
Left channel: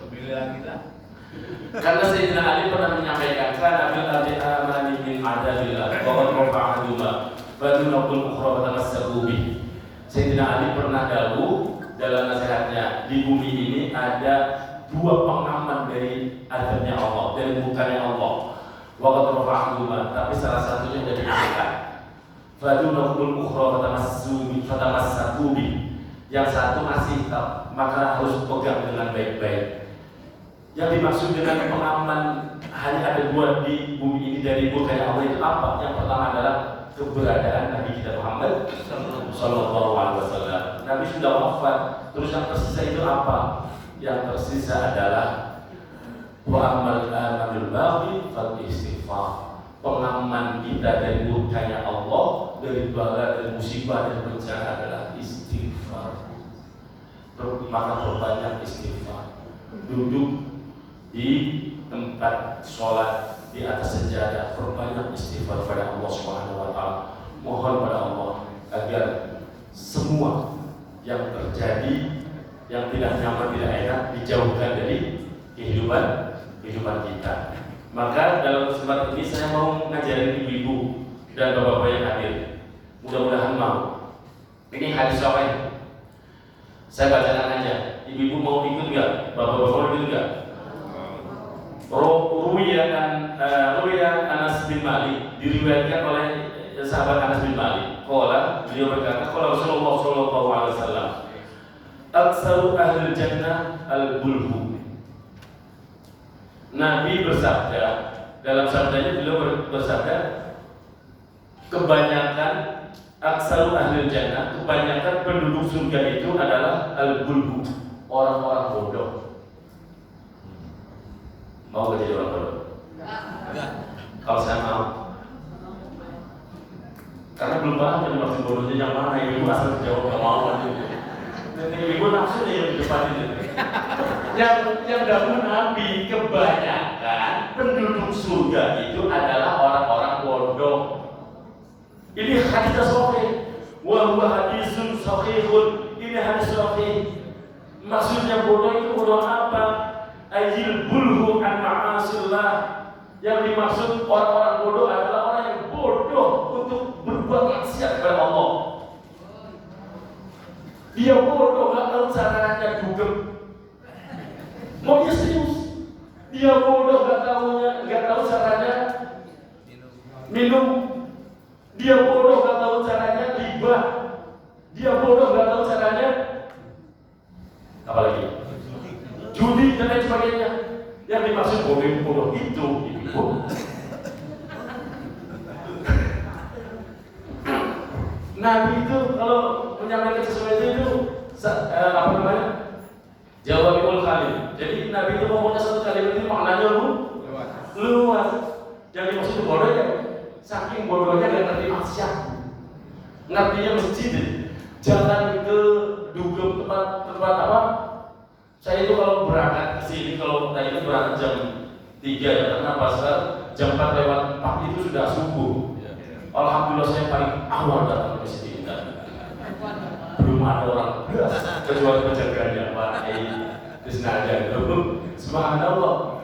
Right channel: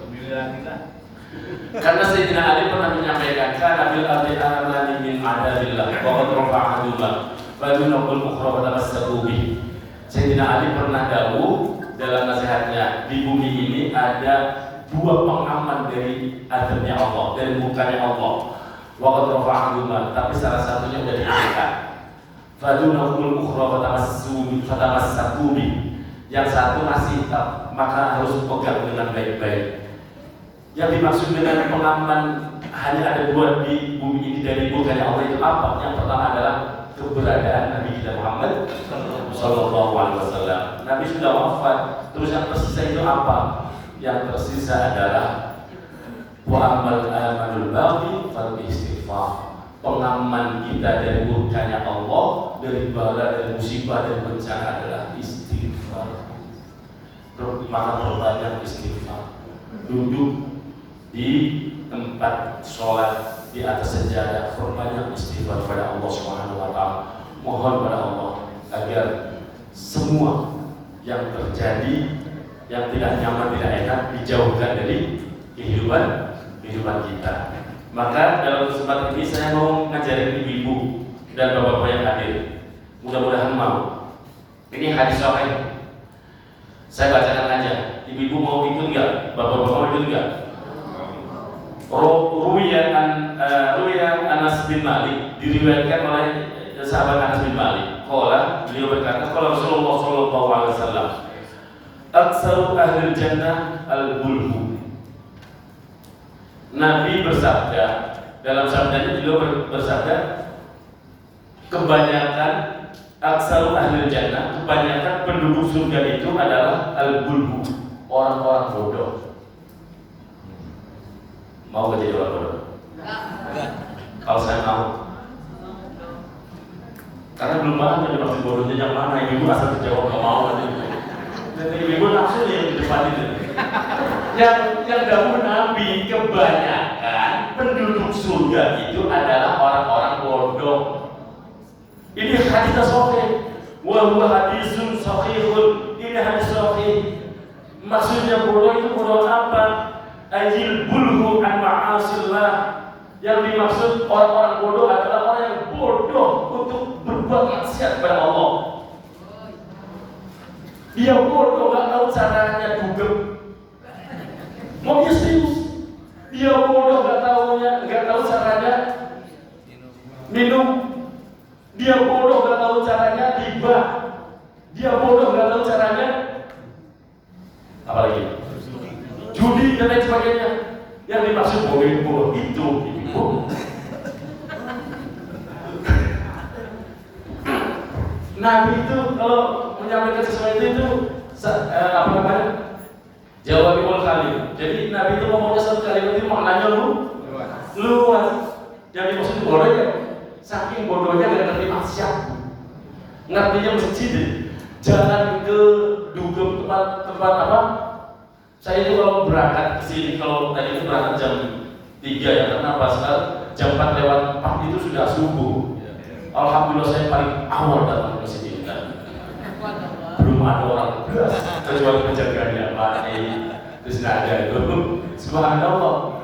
Karena Sayyidina Ali pernah menyampaikan, karena bil ardi amani min adalillah wa qad rafa'ahullah fadunul ukhra wa tamassaku. Sayyidina Ali pernah dawuh dalam nasihatnya, di bumi ini ada dua pengaman dari adabnya Allah, dari mukanya Allah. Wa qad rafa'ahullah, tapi salah satunya sudah diangkat. fadunahul ukhra fatamassaku bi. Yang satu masih maka harus pegang dengan baik-baik. Yang dimaksud dengan pengaman hanya ada dua di bumi ini dari bukannya Allah itu apa? Yang pertama adalah keberadaan Nabi kita Muhammad Sallallahu Alaihi Wasallam. Nabi sudah wafat, terus yang tersisa itu apa? Yang tersisa adalah wa'amal amanul baqi fal istighfar. Pengaman kita dari murkanya Allah, dari bala, dari musibah dan bencana adalah istighfar. Maka perbanyak istighfar. Duduk di tempat sholat di atas sejadah, perbanyak istighfar kepada Allah Subhanahu Wa Taala. Mohon pada Allah agar semua yang terjadi yang tidak nyaman, tidak enak dijauhkan dari kehidupan kita. Maka dalam kesempatan ini saya mau ngajarin ibu dan bapak-bapak yang hadir. Mudah-mudahan mau. Ini hadis sahih. Saya bacakan aja. Ibu mau ikut nggak? Bapak-bapak mau ikut nggak? Ruwiya Anas bin Malik, diriwayatkan oleh sahabat Anas bin Malik. Beliau berkata, qala Rasulullah sallallahu alaihi wasallam, "Aktsaru ahli jannah al-bulhu." Nabi bersabda, dalam sabdanya beliau bersabda, kebanyakan aktsaru ahli jannah, kebanyakan penduduk surga itu adalah al-bulhu, orang-orang bodoh. Mau gak jadi orang bodoh? Enggak. Kalau saya mau. Karena belum ada yang masih bodohnya yang mana, ibu asal jawab gak mau nanti. Dan ibu langsung yang di depan itu. Yang dahulu Nabi, kebanyakan penduduk surga itu adalah orang-orang bodoh. Ini hadis sahih. Wa huwa hadisun sahihun. Ini hadis sahih. Maksudnya bodoh itu bodoh apa? Ajil bulhu an ma'asillah. Yang dimaksud orang-orang bodoh adalah orang yang bodoh untuk berbuat maksiat kepada Allah. Dia bodoh, gak tahu caranya Google. Mau dia serius? Dia bodoh, gak tahu caranya minum. Dia bodoh, gak tahu caranya riba. Dia bodoh, gak tahu caranya apalagi judi dan lain sebagainya. Yang dimaksud bodoh itu ibu. Nabi itu kalau menyampaikan sesuatu itu apa namanya? Jawabul kalim. Jadi Nabi itu ngomongnya satu kalimat itu maknanya luas. Yang dimaksud itu bodoh ya. Saking bodohnya gak ngerti maksiat. Ngertinya masjid. Jalan ke dugem tempat apa? Saya itu kalau berangkat ke sini, kalau tadi itu berangkat jam 3 ya, karena pas jam 4 lewat 4 itu sudah subuh. Alhamdulillah saya paling awal datang ke sini. Belum ada orang beras, kecuali penjaganya Pak terus ada itu. Subhanallah.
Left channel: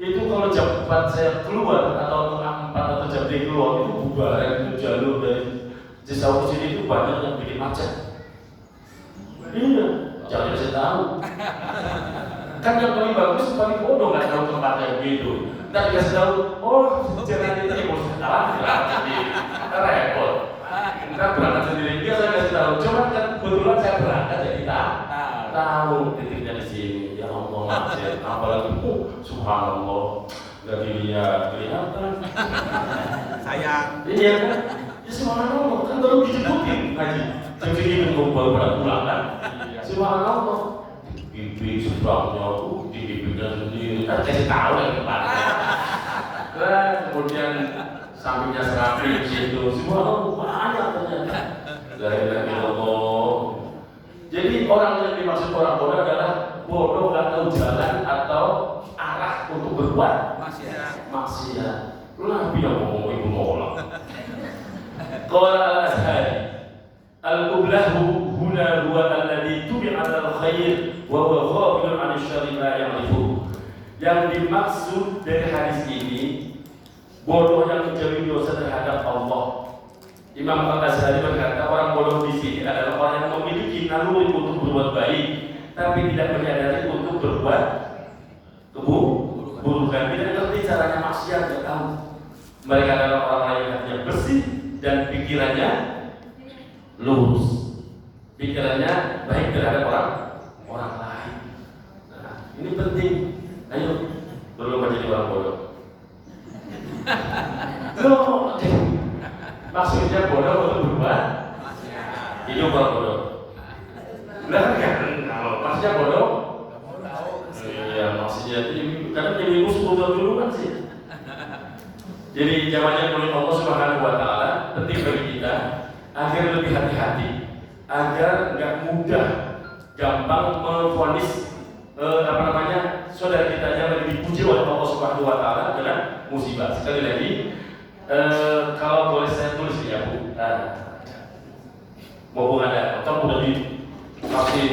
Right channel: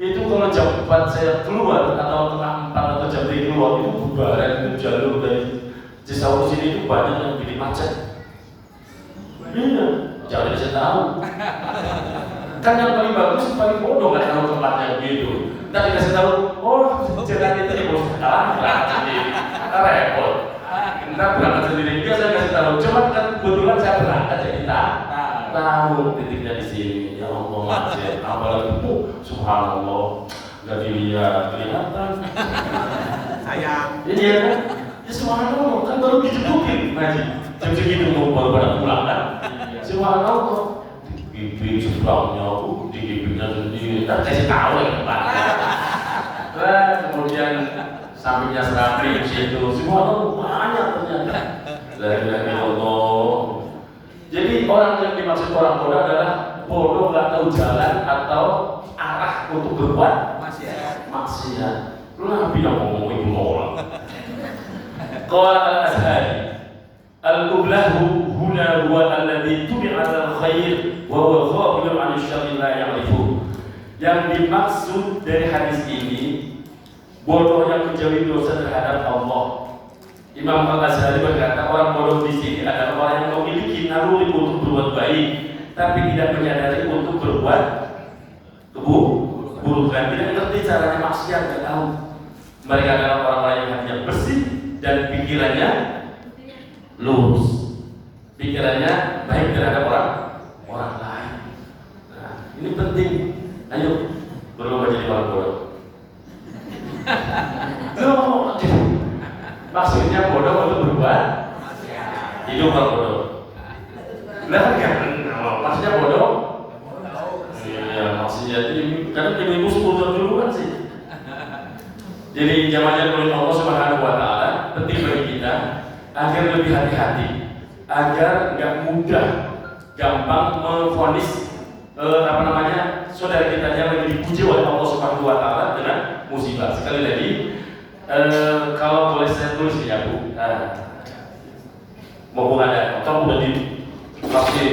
Itu kalau jam 4 saya keluar atau setengah 4 atau jam 3 keluar itu bubaran jalur dari Cisauk sini itu banyak yang bikin macet. Iya, jangan dikasih tahu. Kan yang paling bagus, paling bodoh kan kalau tempatnya begitu. Ntar dikasih tahu, oh jalan itu bos sekarang berangkat sendiri, repot. Ntar berangkat sendiri, dia saya kasih tahu. Cuma kan kebetulan saya berangkat jadi tahu titiknya di sini. Ya Allah, apalagi subhanallah, nggak dilihat kelihatan. Sayang. Iya kan? Ya subhanallah, kan baru dijepukin ngaji. Tapi gitu baru pada pulang kan? Subhanallah. Pipi sebelahnya, di pipinya sendiri. Kan kasih tahu ya depan. Nah, kemudian sampingnya serapi di situ. Subhanallah banyak ternyata. La ilaha illallah. Jadi orang yang dimaksud orang bodoh adalah bodoh nggak tahu jalan atau arah untuk berbuat maksiat. Nabi yang ngomong itu nolak. Qala al-Azhari al-qublahu huna huwa alladhi tubi'a al-khair wa huwa ghafilun 'an asy-syarri la ya'rifu. Yang dimaksud dari hadis ini bodoh yang menjauhi dosa terhadap Allah. Imam Al-Azhari berkata orang bodoh di sini adalah orang yang memiliki naluri untuk berbuat baik tapi tidak menyadari untuk berbuat keburukan. Tidak mengerti caranya maksiat, tidak tahu. Mereka adalah orang-orang yang hatinya bersih dan pikirannya lurus, pikirannya baik terhadap orang lain. Nah, ini penting. Ayo berubah jadi orang bodoh. Maksudnya bodoh untuk berubah hidup orang bodoh. Nah kan, maksudnya bodoh. Iya, maksudnya ini kan ibu 10 tahun dulu kan sih. Jadi jawabannya menurut Allah Subhanahu wa Ta'ala penting bagi kita agar lebih hati-hati, agar nggak mudah, gampang memvonis saudara kita yang lagi dipuji oleh Allah Subhanahu wa Ta'ala dengan musibah. Sekali lagi, kalau boleh saya tulis ya Bu, mau ada atau udah dikasih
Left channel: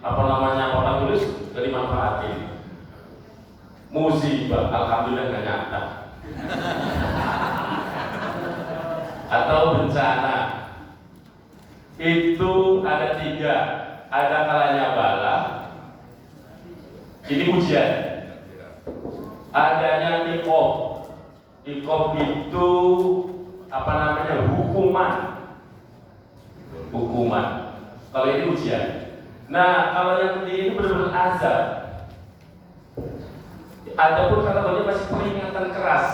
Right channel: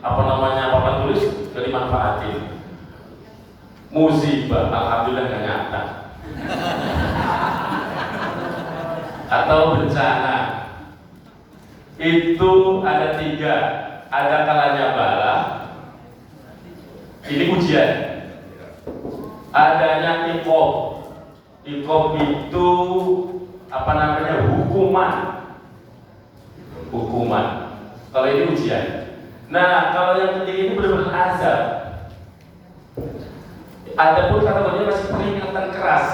papan tulis ke dimanfaatin. Musibah, alhamdulillah nggak nyata. Atau bencana itu ada 3, ada kalanya bala, ini ujian, adanya iqob itu hukuman, kalau ini ujian. Nah kalau yang ketiga ini benar-benar azab. Adapun kategorinya masih peringatan keras.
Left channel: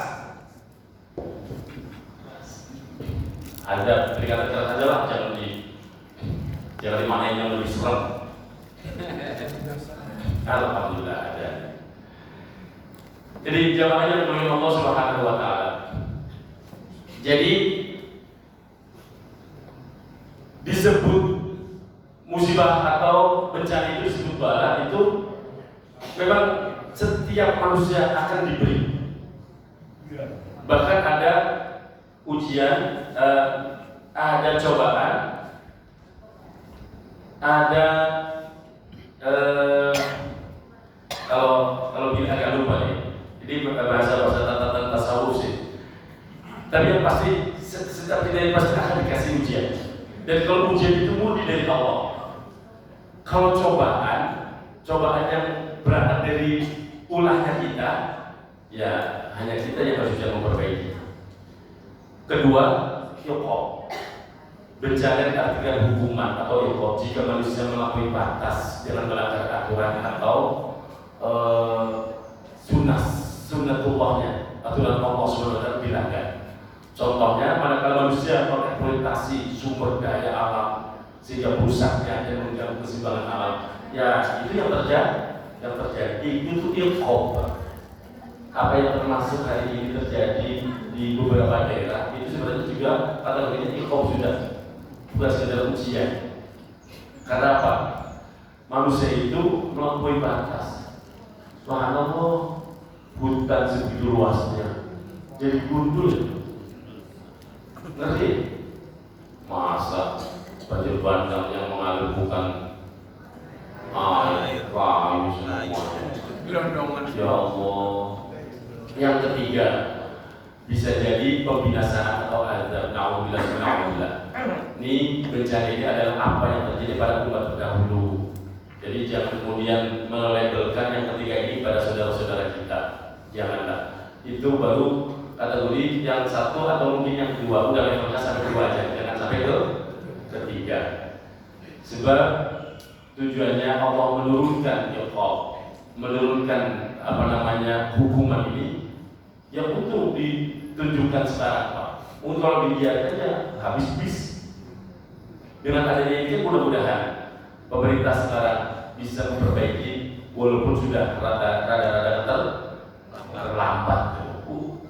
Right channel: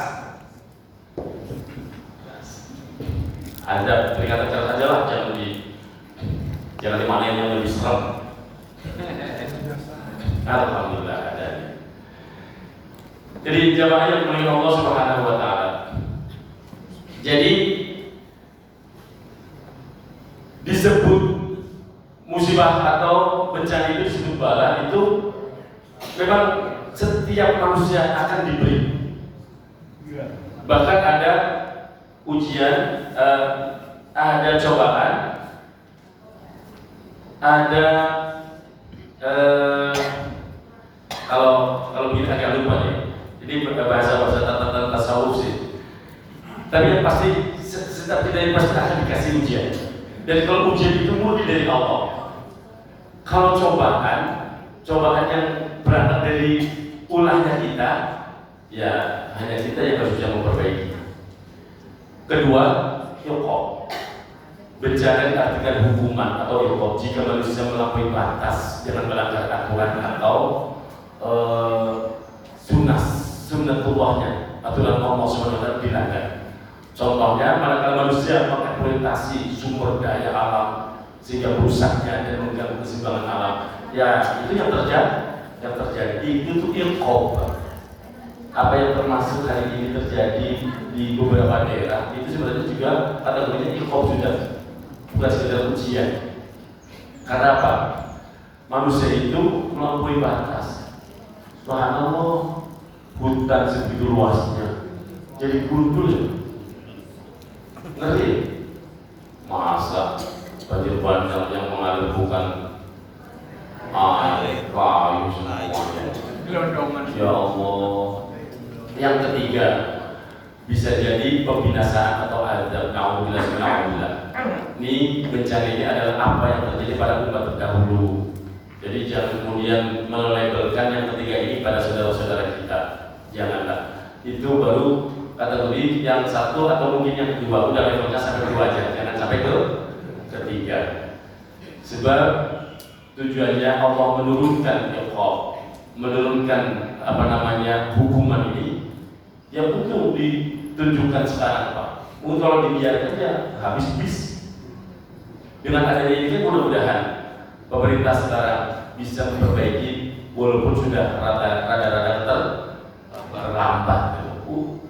Ada peringatan keras aja lah, jangan dimainin yang lebih serem. Alhamdulillah ada. Jadi jawabannya menurut Allah Subhanahu wa Ta'ala. Jadi disebut musibah atau bencana itu disebut bala, itu memang setiap manusia akan diberi. Bahkan ada ujian, ada cobaan, ada kalau kita agak lupa nih. Jadi bahasa tasawuf sih. Tapi yang pasti setiap kita yang pasti akan dikasih ujian. Dan kalau ujian itu murni dari Allah. Kalau cobaan yang berangkat dari ulahnya kita, ya hanya kita yang harus bisa memperbaiki. Kedua, iqob. Bencana diartikan hukuman atau iqob jika manusia melampaui batas dengan melanggar aturan atau sunnatullahnya, aturan Allah SWT dilanggar. Contohnya, manakala manusia mengeksploitasi sumber daya alam sehingga rusaknya dan mengganggu keseimbangan alam, ya itu yang terjadi itu tuh iqob. Apa yang termasuk hari ini terjadi di beberapa daerah itu sebenarnya juga kategorinya iqob, sudah bukan sekedar ujian. Karena apa? Manusia itu melampaui batas. Subhanallah, hutan sebegitu luasnya jadi gundul. Ngerti? Masa banjir bandang yang mengalir bukan air, kayu semuanya. Ya Allah. Yang ketiga, bisa jadi pembinasaan atau azab. Na'udzubillah. Ini bencana ini adalah apa yang terjadi pada umat terdahulu. Jadi jangan kemudian melabelkan yang ketiga ini pada saudara-saudara kita. Janganlah. Itu baru kategori yang satu atau mungkin yang kedua. Udah levelnya sampai kedua aja. Jangan sampai ke ketiga. Sebab tujuannya Allah menurunkan iqob, menurunkan hukuman ini yang untuk ditunjukkan sekarang Pak. Untuk kalau dibiarkannya habis bis. Dengan adanya ini mudah-mudahan pemerintah sekarang bisa memperbaiki walaupun sudah rada-rada terlambat.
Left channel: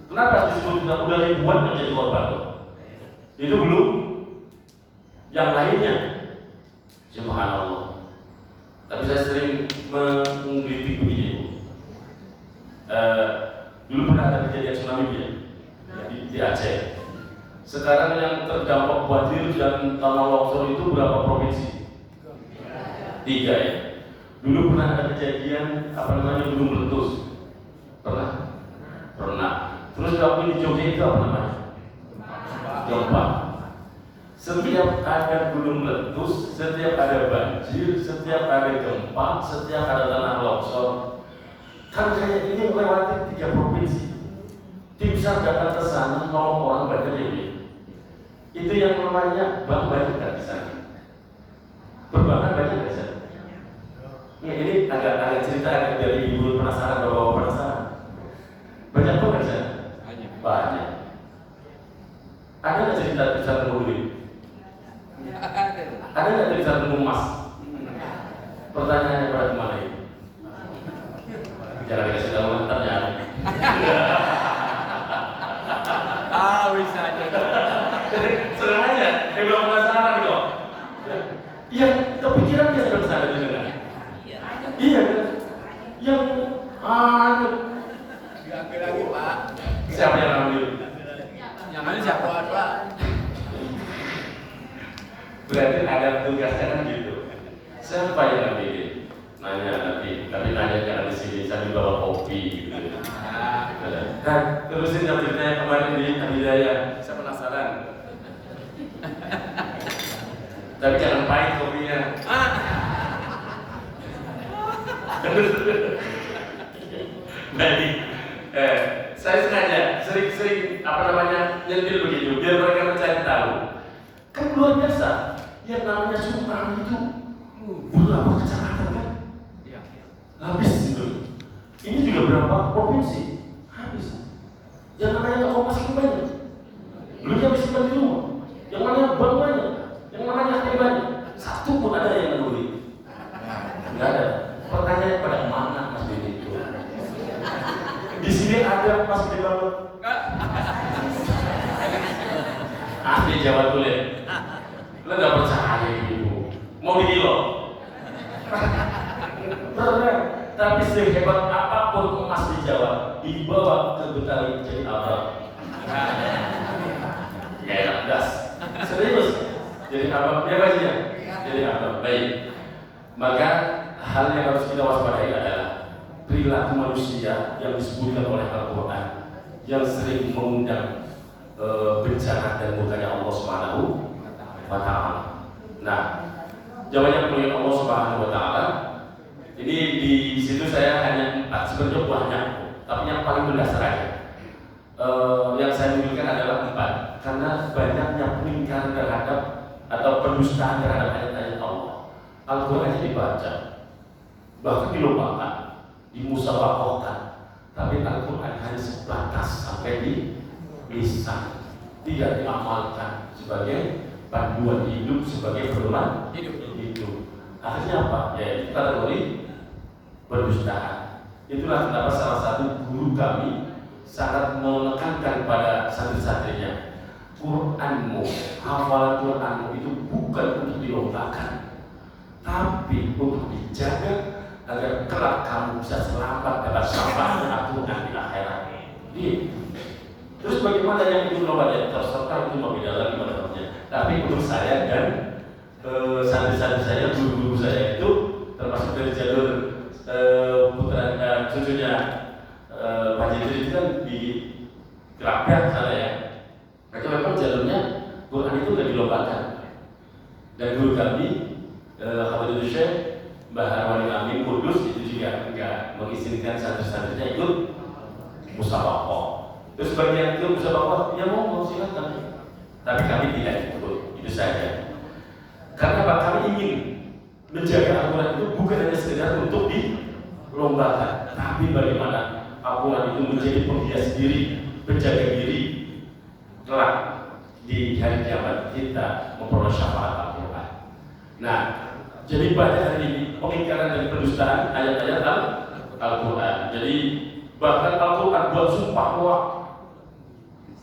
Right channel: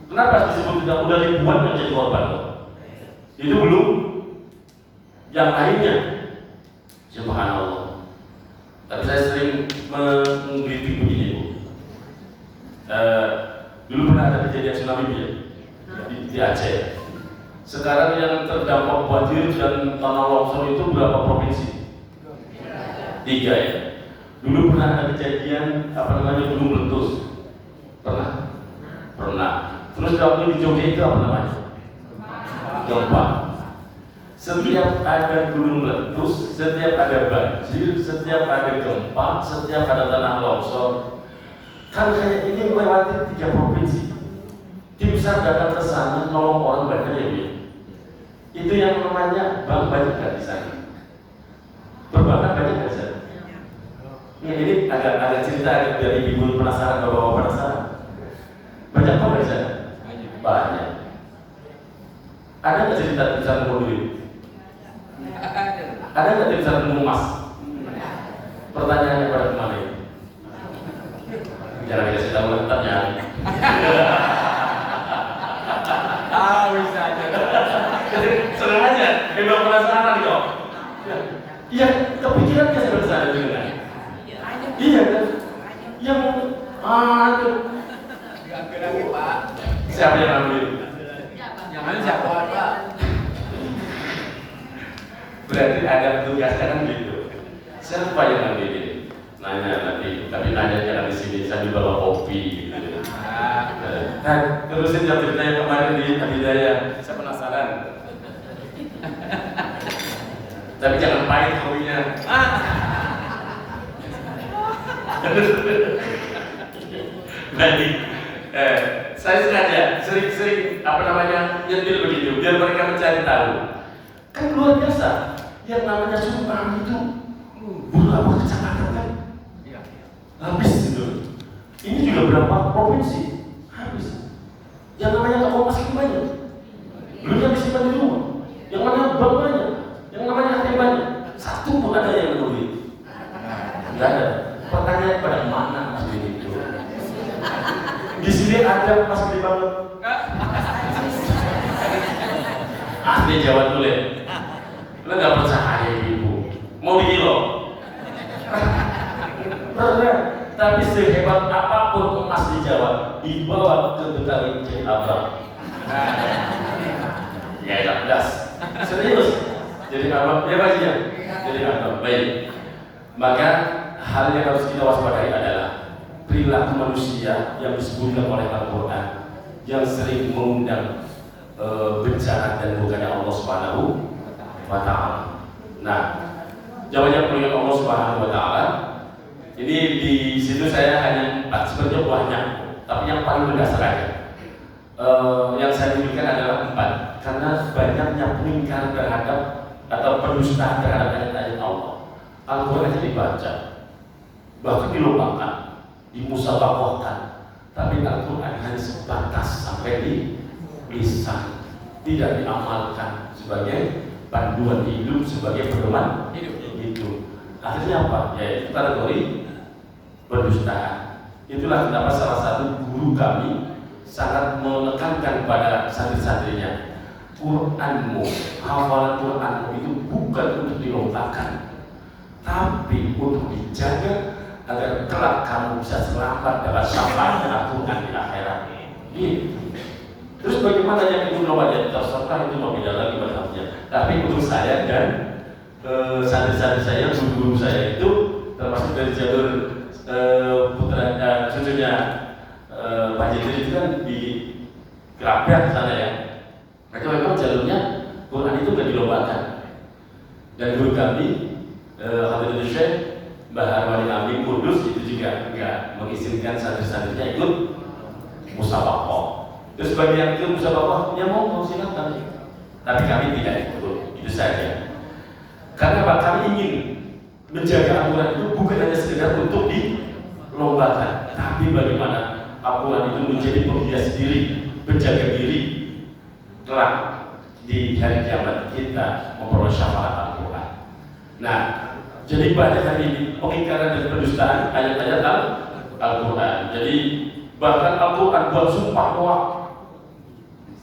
Kenapa disebut udah ribuan menjadi korban? Itu belum yang lainnya. Subhanallah. Tapi saya sering mengkritik begini Bu. Dulu pernah ada kejadian tsunami ya di Aceh. Sekarang yang terdampak banjir dan tanah longsor itu berapa provinsi? 3 ya. Dulu pernah ada kejadian gunung meletus. Pernah. Terus waktu di Jogja itu gempa. Setiap ada gunung meletus, setiap ada banjir, setiap ada gempa, setiap ada tanah longsor, kan kayak ini melewati 3 provinsi. Tim SAR datang ke sana, nolong orang banyak ya. Itu yang namanya bank banyak nggak di sana? Perbankan banyak nggak di sana? Ya, ini agak cerita biar ibu penasaran, bapak penasaran. Banyak bank di sana? Banyak. Ada nggak cerita di sana mobil? Ada nggak cerita tentang emas? Pertanyaannya pada kemana ini? Jangan dikasih tahu tanya. Bisa aja. Jadi senang aja, hebat penasaran kok. Iya, kepikiran dia sampai sana juga. Iya kan? Yang itu. Diambil lagi Pak. Siapa yang ambil? Yang ambil siapa Pak? Berarti ada tugasnya kan gitu. Siapa yang ambil ini? Nanya nanti, tapi nanya jangan di sini, saya dibawa kopi gitu. Nah, terusin yang ceritanya kemarin di Hidayah. Saya penasaran. Tapi jangan pahit kopinya. Baik, saya sengaja sering-sering nyentil begitu, biar mereka mencari tahu. Kan luar biasa, yang namanya Sumatera itu berapa kecamatan kan? Habis gitu. Ini juga berapa provinsi? Habis. Yang namanya toko emas itu banyak. Belum yang disimpan di rumah. Yang namanya bank banyak. Yang namanya ATM banyak. Satu pun ada yang beli. Enggak ada. Pertanyaan pada mana Mas Bidi itu? Di sini ada Mas Bidi banget. Asli Jawa Tulen. Lo nggak percaya ibu? Mau dikilo? Tapi sehebat apapun emas di Jawa dibawa ke Betawi jadi abang. Ya das. Serius. Jadi abang, ya baik ya. Jadi abang. Baik. Maka hal yang harus kita waspadai adalah perilaku manusia yang disebutkan oleh Al-Quran yang sering mengundang bencana dan bukannya Allah Subhanahu wa Ta'ala. Nah, jawabannya punya Allah Subhanahu wa Ta'ala. Ini di situ saya hanya 4, sebenarnya banyak, tapi yang paling mendasar aja. Yang saya tunjukkan adalah 4, karena banyaknya peningkatan terhadap atau pendustaan terhadap ayat-ayat Allah. Al-Quran dibaca, bahkan dilombakan, dimusabaqahkan, tapi Al-Quran hanya sebatas sampai di lisan, tidak diamalkan sebagai panduan hidup, sebagai pedoman hidup. Akhirnya apa? Ya, kategori pendustaan. Itulah kenapa salah satu guru kami sangat menekankan pada santri-santrinya, Quranmu, hafalan Quranmu itu bukan untuk dilombakan, tapi untuk dijaga agar kelak kamu bisa selamat dalam syafaatnya Al-Quran di akhirat. Terus bagaimana yang ibu baca? Terserah itu mau tidak lagi masalahnya. Tapi untuk saya dan santri-santri saya, guru-guru saya itu termasuk dari jalur putra cucunya Pak Jitri itu kan di Kerabat sana ya. Mereka memang jalurnya Quran itu tidak dilombakan. Dan guru kami Habibul Syekh Mbah Harwani Amin Kudus itu juga enggak mengizinkan santri-santrinya ikut musabaqah. Terus bagian itu musabaqah ya mau silakan. Tapi kami tidak ikut, itu saja. Karena apa? Kami ingin menjaga Al-Quran itu bukan hanya sekedar untuk dilombakan, tapi bagaimana Al-Quran itu menjadi penghias diri, penjaga diri kelak di hari kiamat kita memperoleh syafaat Al-Quran. Nah, jadi banyak hari ini pengingkaran dan pendustaan ayat-ayat Al-Quran. Jadi bahkan Al-Quran buat sumpah kuat,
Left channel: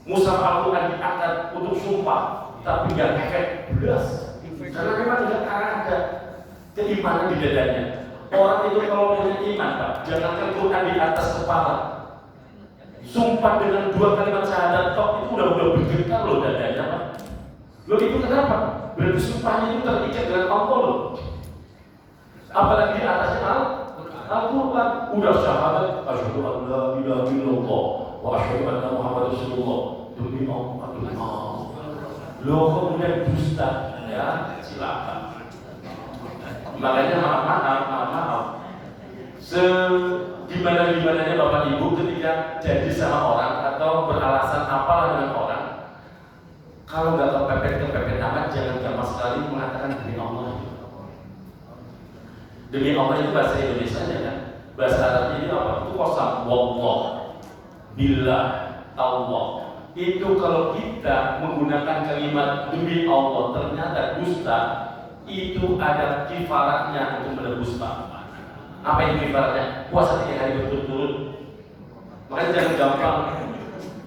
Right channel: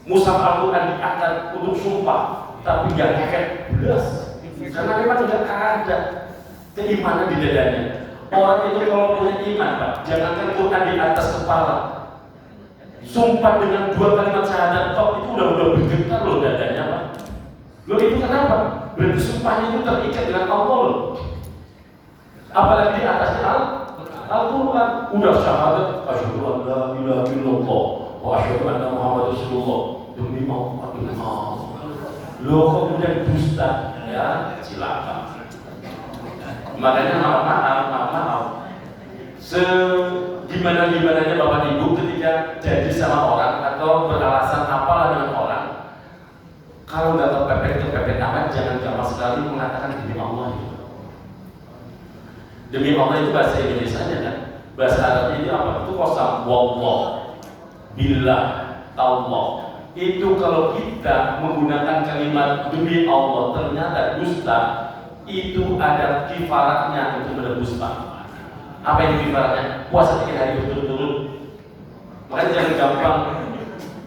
mushaf Al-Quran diangkat untuk sumpah, tapi gak keket belas. Karena memang tidak ada keimanan di dadanya. Orang itu kalau punya iman, Pak, jangankan Quran di atas kepala, sumpah dengan 2 kalimat syahadat tok itu udah bergetar loh dadanya, Pak. Loh itu kenapa? Berarti sumpahnya itu terikat dengan Allah loh. Apalagi di atasnya Al-Quran udah syahadat asyhadu an la ilaha illallah wa asyhadu anna Muhammadar Rasulullah demi Allah. Loh kok kemudian dusta? Ya silakan. Makanya maaf. Gimana-gimananya Bapak Ibu ketika jadi sama orang atau beralasan apalah dengan orang, kalau nggak kepepet Demi Allah itu bahasa Indonesianya kan. Bahasa Arabnya ini apa? Itu qasam. Wallah, billah, Allah. Itu kalau kita menggunakan kalimat demi Allah ternyata dusta, itu ada kifaratnya untuk berdusta. Apa itu kifaratnya? Puasa 3 hari berturut-turut. Makanya jangan gampang.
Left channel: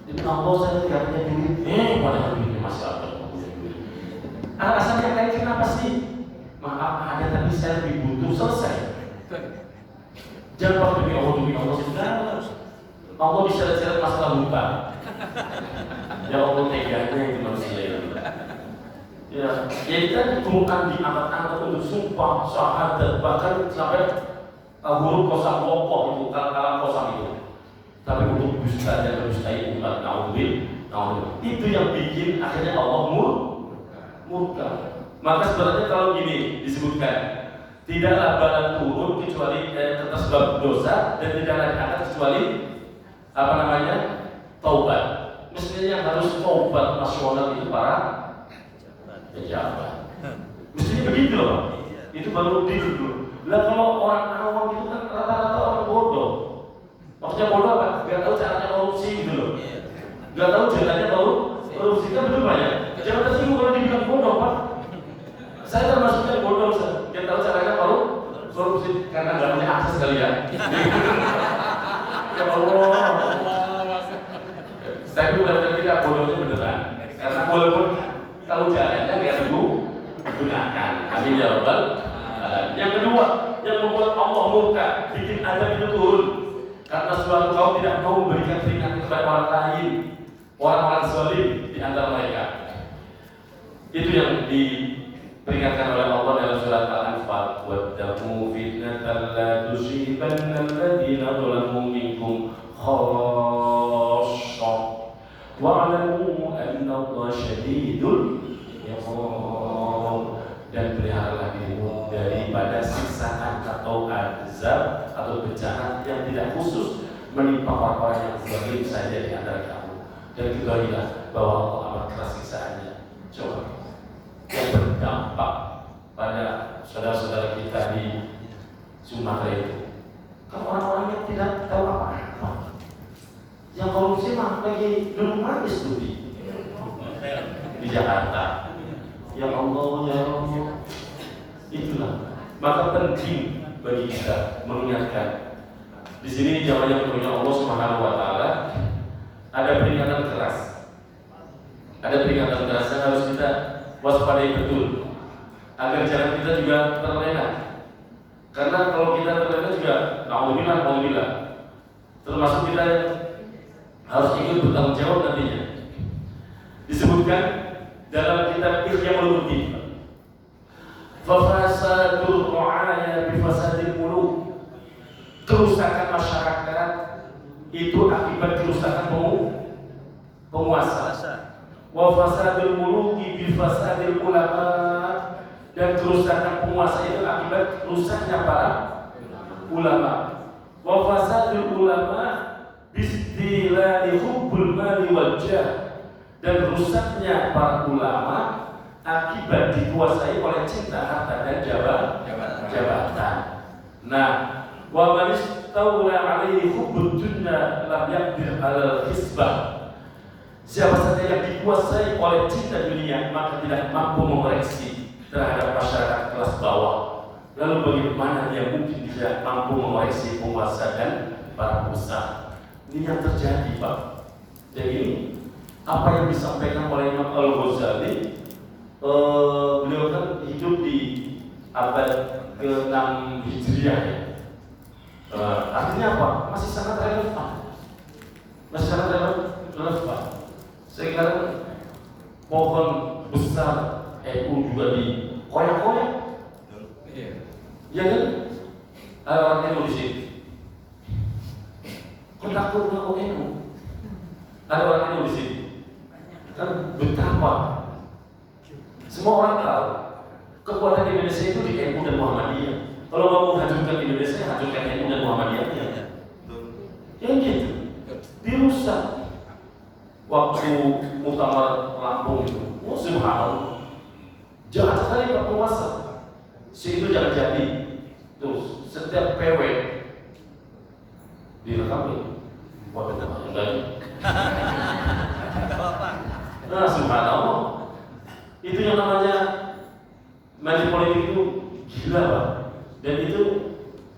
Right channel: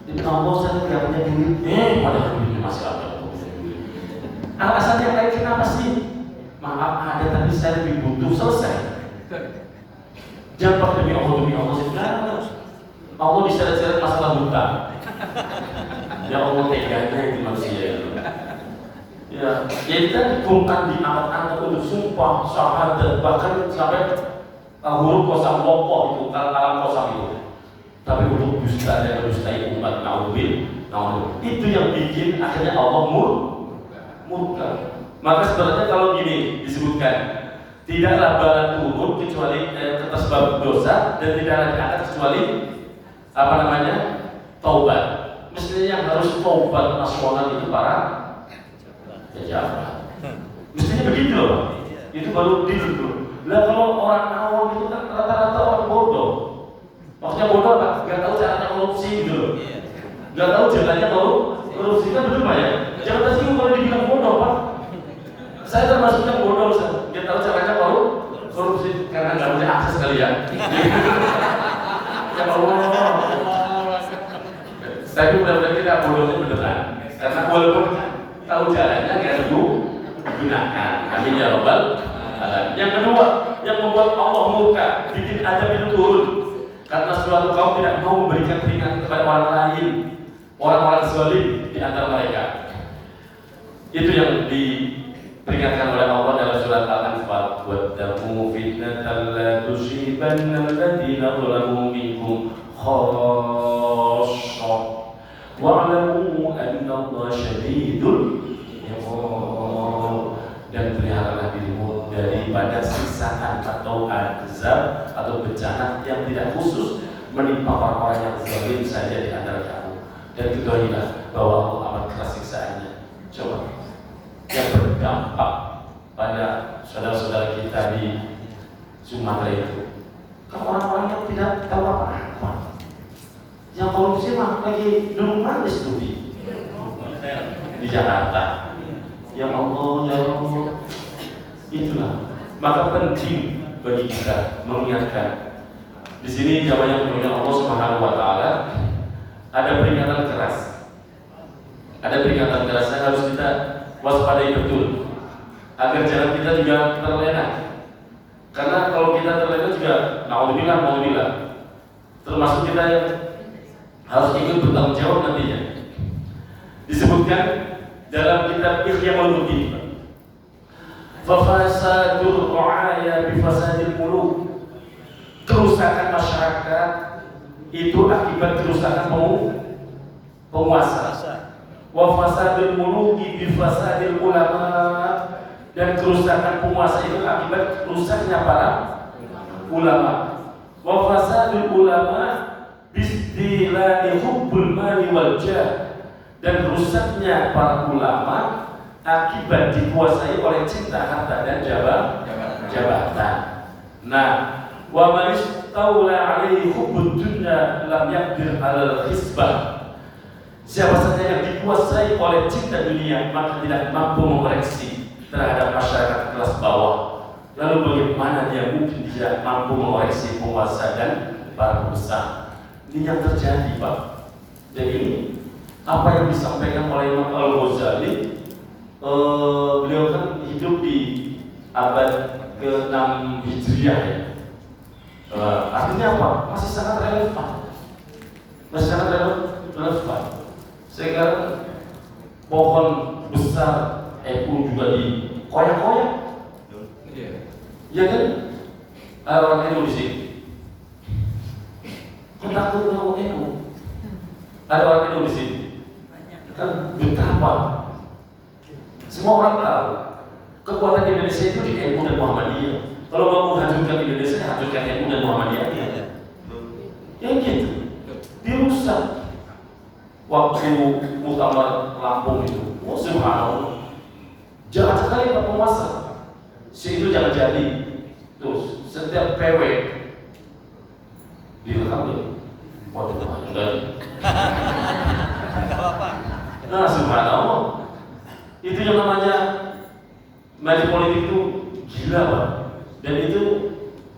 Demi Allah saya tidak punya duit. Padahal duitnya masih ada. Alasan yang lain kenapa sih? Maaf ada tapi saya lebih butuh, selesai. Jangan demi Allah saya bilang Allah diseret-seret masalah hutang. Ya Allah teganya itu manusia itu. Ya kita dikumpulkan di angkat-angkat untuk sumpah, syahadat, bahkan sampai huruf kosam pokok itu, kalam kosam itu. Tapi untuk dusta dan mendustai umat itu yang bikin akhirnya Allah murka. Maka sebenarnya kalau gini disebutkan, tidaklah bala turun kecuali atas sebab dosa dan tidaklah diangkat kecuali taubat. Mestinya yang harus taubat nasional itu para pejabat. Mestinya begitu loh. Itu baru dulu. Lah kalau orang awam itu kan rata-rata orang bodoh. Maksudnya bodoh apa? Gak tahu caranya korupsi gitu loh. Gak tahu jalannya korupsi kan betul ya. Jangan tersinggung kalau dibilang bodoh Pak. Saya termasuknya bodoh. Gak tahu caranya korupsi karena gak punya akses kali ya. Ya Allah. Tapi benar-benar kita bodohnya beneran. Karena walaupun tahu jalannya gak digunakan. Amin ya Rabbal. Yang kedua, yang membuat Allah murka, bikin azab itu turun. Karena suatu kaum tidak mau memberikan peringatan kepada orang lain, orang-orang zalim di antara mereka. Itu yang diperingatkan oleh Allah dalam surat Al-Anfal. Wattaqu fitnatan la tusibanna alladziina zalamu minkum khassah. Wa'lamu anna Allaha syadidul iqab. Dan peliharalah dirimu daripada siksaan atau azab atau bencana yang tidak khusus menimpa orang-orang yang zalim saja di antara kamu. Dan ketahuilah bahwa Allah amat keras siksaannya. Coba yang berdampak pada saudara-saudara kita di Sumatera itu, kalau orang-orang yang tidak tahu apa-apa, yang korupsi mah lagi dulu manis budi di Jakarta. Ya Allah, ya Allah, itulah. Maka penting bagi kita mengingatkan. Di sini jawabannya kepada Allah Subhanahu Wa Taala ada peringatan keras. Ada peringatan keras yang harus kita waspadai betul agar jalan kita juga terlena. Karena kalau kita terlena juga, nauzubillah, termasuk kita yang harus ikut bertanggung jawab nantinya. Disebutkan dalam kitab Ihya Ulumuddin, fasadul ra'aya bifasadil muluk, kerusakan masyarakat itu akibat kerusakan penguasa. Wa fasadul muluki bifasadil ulama, dan kerusakan penguasa itu akibat rusaknya para ulama. Wa fasadul ulama bistilani hubbul mali wal jah, dan rusaknya para ulama akibat dikuasai oleh cinta harta dan jabatan. Nah, wa man istawla alaihi hubbud dunya lam yaqdir 'alal hisbah. Siapa saja yang dikuasai oleh cinta dunia maka tidak mampu mengoreksi terhadap masyarakat kelas bawah. Lalu bagaimana dia mungkin bisa mampu mengoreksi penguasa dan para pengusaha? Ini yang terjadi, Pak. Jadi apa yang disampaikan oleh Imam Al-Ghazali, beliau kan hidup di abad ke-6 Hijriah ya. Artinya apa? Masih sangat relevan. Sekarang pohon besar pun juga dikoyak-koyak. Ya kan? Orang Indonesia kita tahu ada orang Indonesia betapa semua orang tahu kekuatan Indonesia itu di NU dan Muhammadiyah. Kalau mau menghancurkan Indonesia, hancurkan NU dan Muhammadiyah. Yang gitu dirusak. Waktu muktamar Lampung itu, subhanallah, jangan sekali Pak penguasa, itu jangan jadi. Terus PW direkam ya? Waduh, enggak. Enggak apa-apa. Nah, subhanallah. Itu yang namanya main politik itu gila, Pak. Dan itu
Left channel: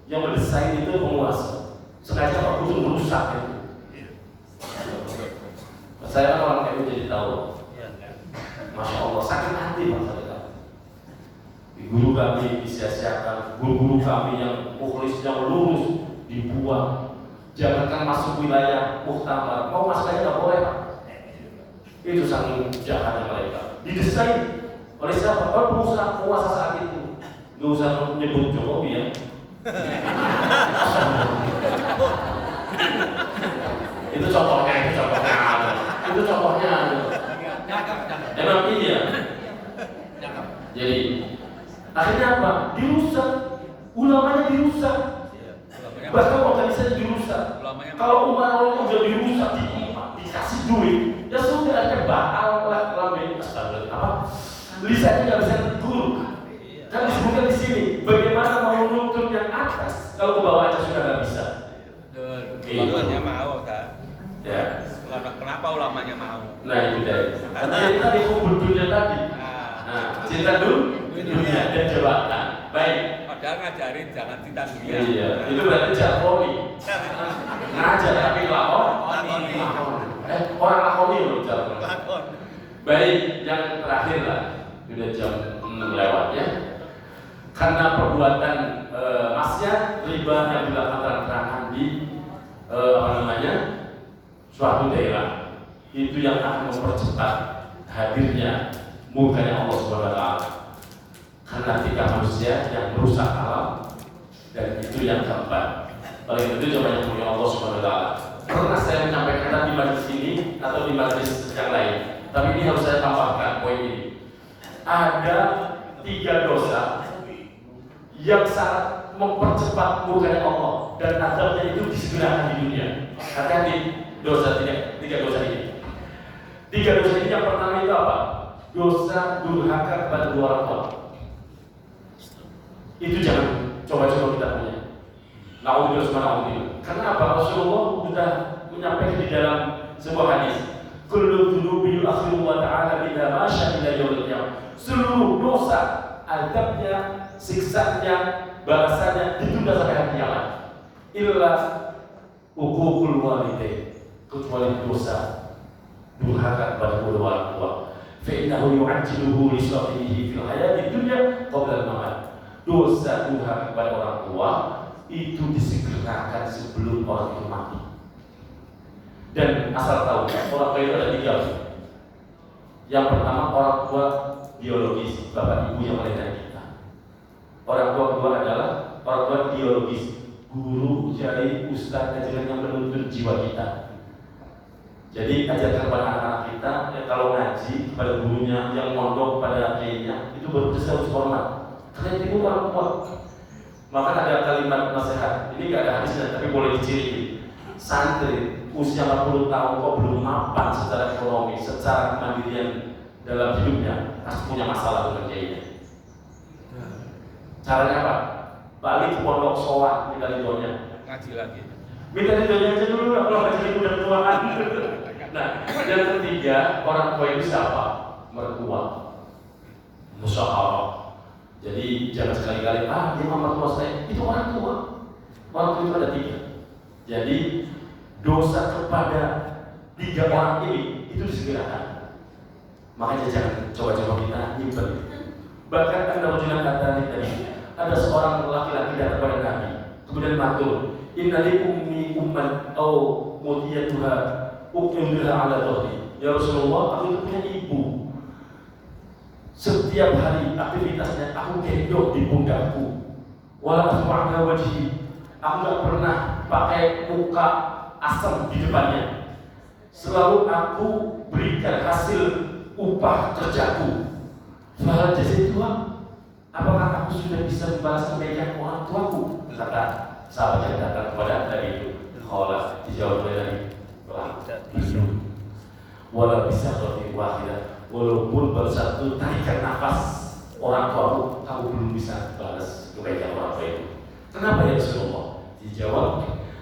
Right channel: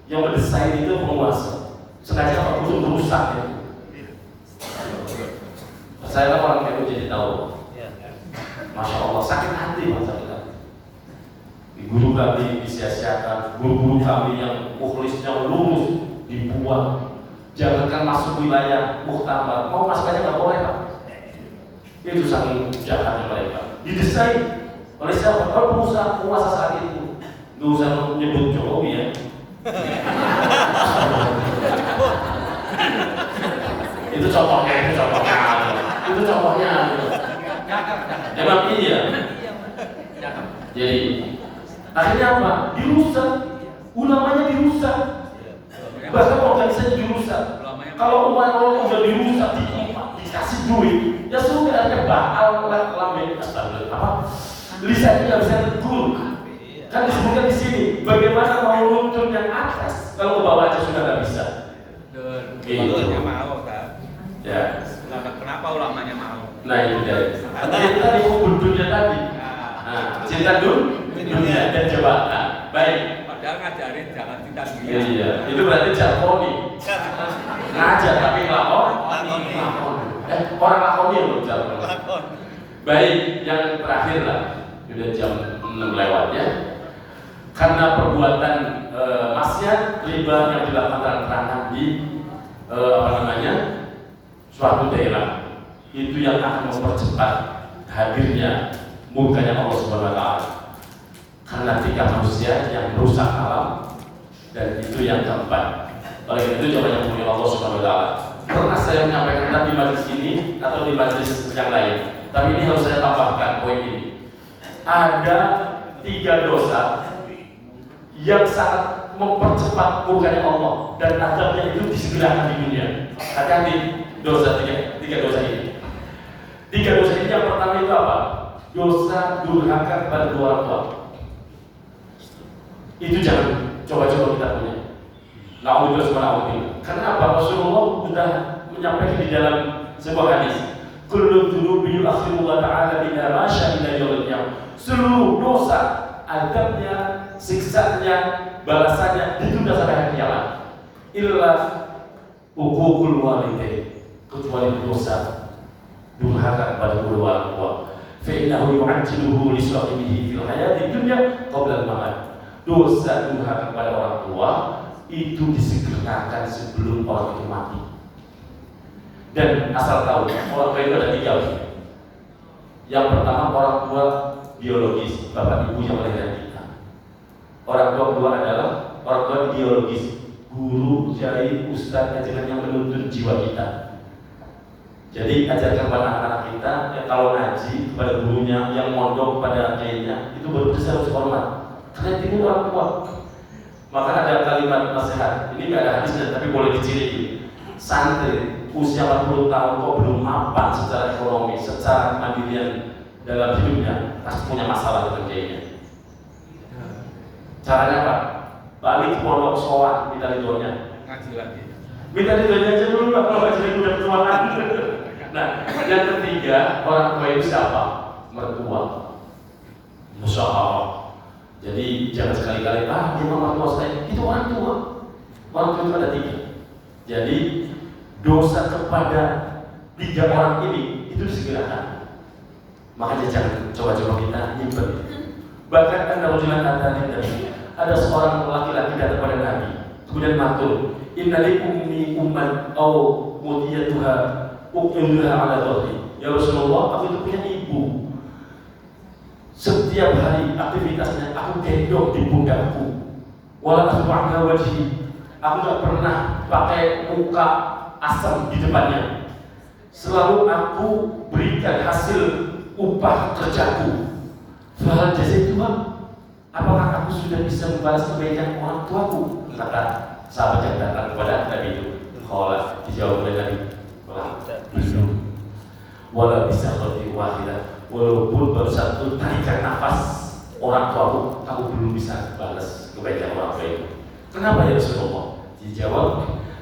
yang mendesain itu penguasa. Sengaja Pak itu merusak ya. Saya kan orang kayak jadi tahu. Masya Allah, sakit hati Pak saya. Guru kami disia-siakan, guru-guru kami yang mukhlis, yang lurus dibuang. Jangankan masuk wilayah muktamar, mau masuk aja nggak boleh Pak. Itu saking jahatnya mereka. Didesain oleh siapa? Oleh penguasa saat itu. Nggak usah menyebut Jokowi ya. Itu contohnya. Emang iya. Jadi akhirnya apa? Dirusak. Ulamanya dirusak. Bahkan organisasi dirusak. Kalau umat udah dirusak, dikasih duit, ya sudah ada bakal lamen astagfirullah. Lisannya nggak bisa tegur. Kan disebutkan di sini, bagaimana mau nuntut yang atas kalau ke bawah aja sudah nggak bisa. Ulamanya mau kan? Ya. Kenapa ulamanya mau? Nah itu deh. Jadi tadi hubungannya tadi. Nah, cinta dunia dan jabatan. Baik. Padahal ngajarin jangan cinta dunia. Iya, itu berarti jargoni. Ngajar tapi lakoni. Orang lakoni menurut jargon. Baik, yang terakhir lah. Sudah jam 6 lewat ya. Karena perbuatan maksiat riba yang dilakukan terang di suatu daerah itu yang akan mempercepat hadirnya murkanya Allah Subhanahu wa taala. Karena tiga manusia yang merusak alam dan itu yang keempat. Oleh itu coba yang punya Allah Subhanahu wa taala. Pernah saya menyampaikan tadi di majelis ini atau di majelis yang lain, tapi ini harus saya tambahkan poin ini. Ada 3 dosa yang sangat mempercepat murkanya Allah dan azabnya itu disegerakan di dunia. Hati-hati dosa tiga dosa ini. 3 dosa ini yang pertama itu apa? Dosa durhaka pada orang tua. Itu jangan coba-coba kita punya. Na'udzubillah subhanahu. Karena apa? Rasulullah sudah menyampaikan di dalam sebuah hadis. Kullu dzunubi yu'akhiru ta'ala ila ma syahida yaumil qiyamah. Seluruh dosa, adabnya, siksanya, balasannya ditunda sampai hari kiamat. Illa uququl walidain, kecuali dosa durhaka pada kedua orang tua. Fa innahu yu'ajjiluhu li sahibihi fil hayati dunya qabla al-mamat. Dosa durhaka pada orang tua itu disegerakan sebelum orang itu mati. Dan asal tahu, orang tua itu ada 3. Yang pertama orang tua biologis, bapak ibu yang melahirkan kita. Orang tua kedua adalah orang tua biologis, guru, kiai, ustadz, ajaran yang menuntun jiwa kita. Jadi ajarkan pada anak-anak kita, kalau ngaji kepada gurunya, yang mondok pada kiainya, itu baru bisa harus hormat. Karena itu orang tua. Maka ada kalimat nasihat. Ini nggak ada hadisnya, tapi boleh diciri. Santri usia 40 tahun kok belum mapan secara ekonomi, secara kemandirian dalam hidupnya, pasti punya masalah dengan kiainya. Caranya apa? Balik ke pondok sholat, minta ridhonya. Ngaji lagi. Minta ridhonya aja dulu lah, kalau ngaji udah ketuaan. Nah, yang ketiga, orang tua itu siapa? Mertua. Masya Allah. Jadi jangan sekali-kali gimana mertua saya? Itu orang tua. Orang tua itu ada 3. Jadi dosa kepada 3 orang ini itu disegerakan. Makanya jangan coba-coba kita nyimpen. Bahkan ada ujian tadi ada seorang laki-laki datang kepada Nabi, kemudian matur, innali ummi umman au mudiyatuha uqilha ala dhahri. Ya Rasulullah, aku itu punya ibu. Setiap hari aktivitasnya aku gendong di pundakku. Wala asma'ka wajhi. Aku tak pernah pakai muka asam di depannya. Selalu aku berikan hasil upah kerjaku. Fahal jazaituha, apakah aku sudah bisa membalas kebaikan orang tuaku? Kata sahabat yang datang kepada Nabi itu. Qala, dijawab oleh Nabi, wala bisa khati wahidah, walaupun baru satu tarikan nafas orang tuaku, kamu belum bisa balas kebaikan orang tua itu. Kenapa ya Rasulullah? Dijawab,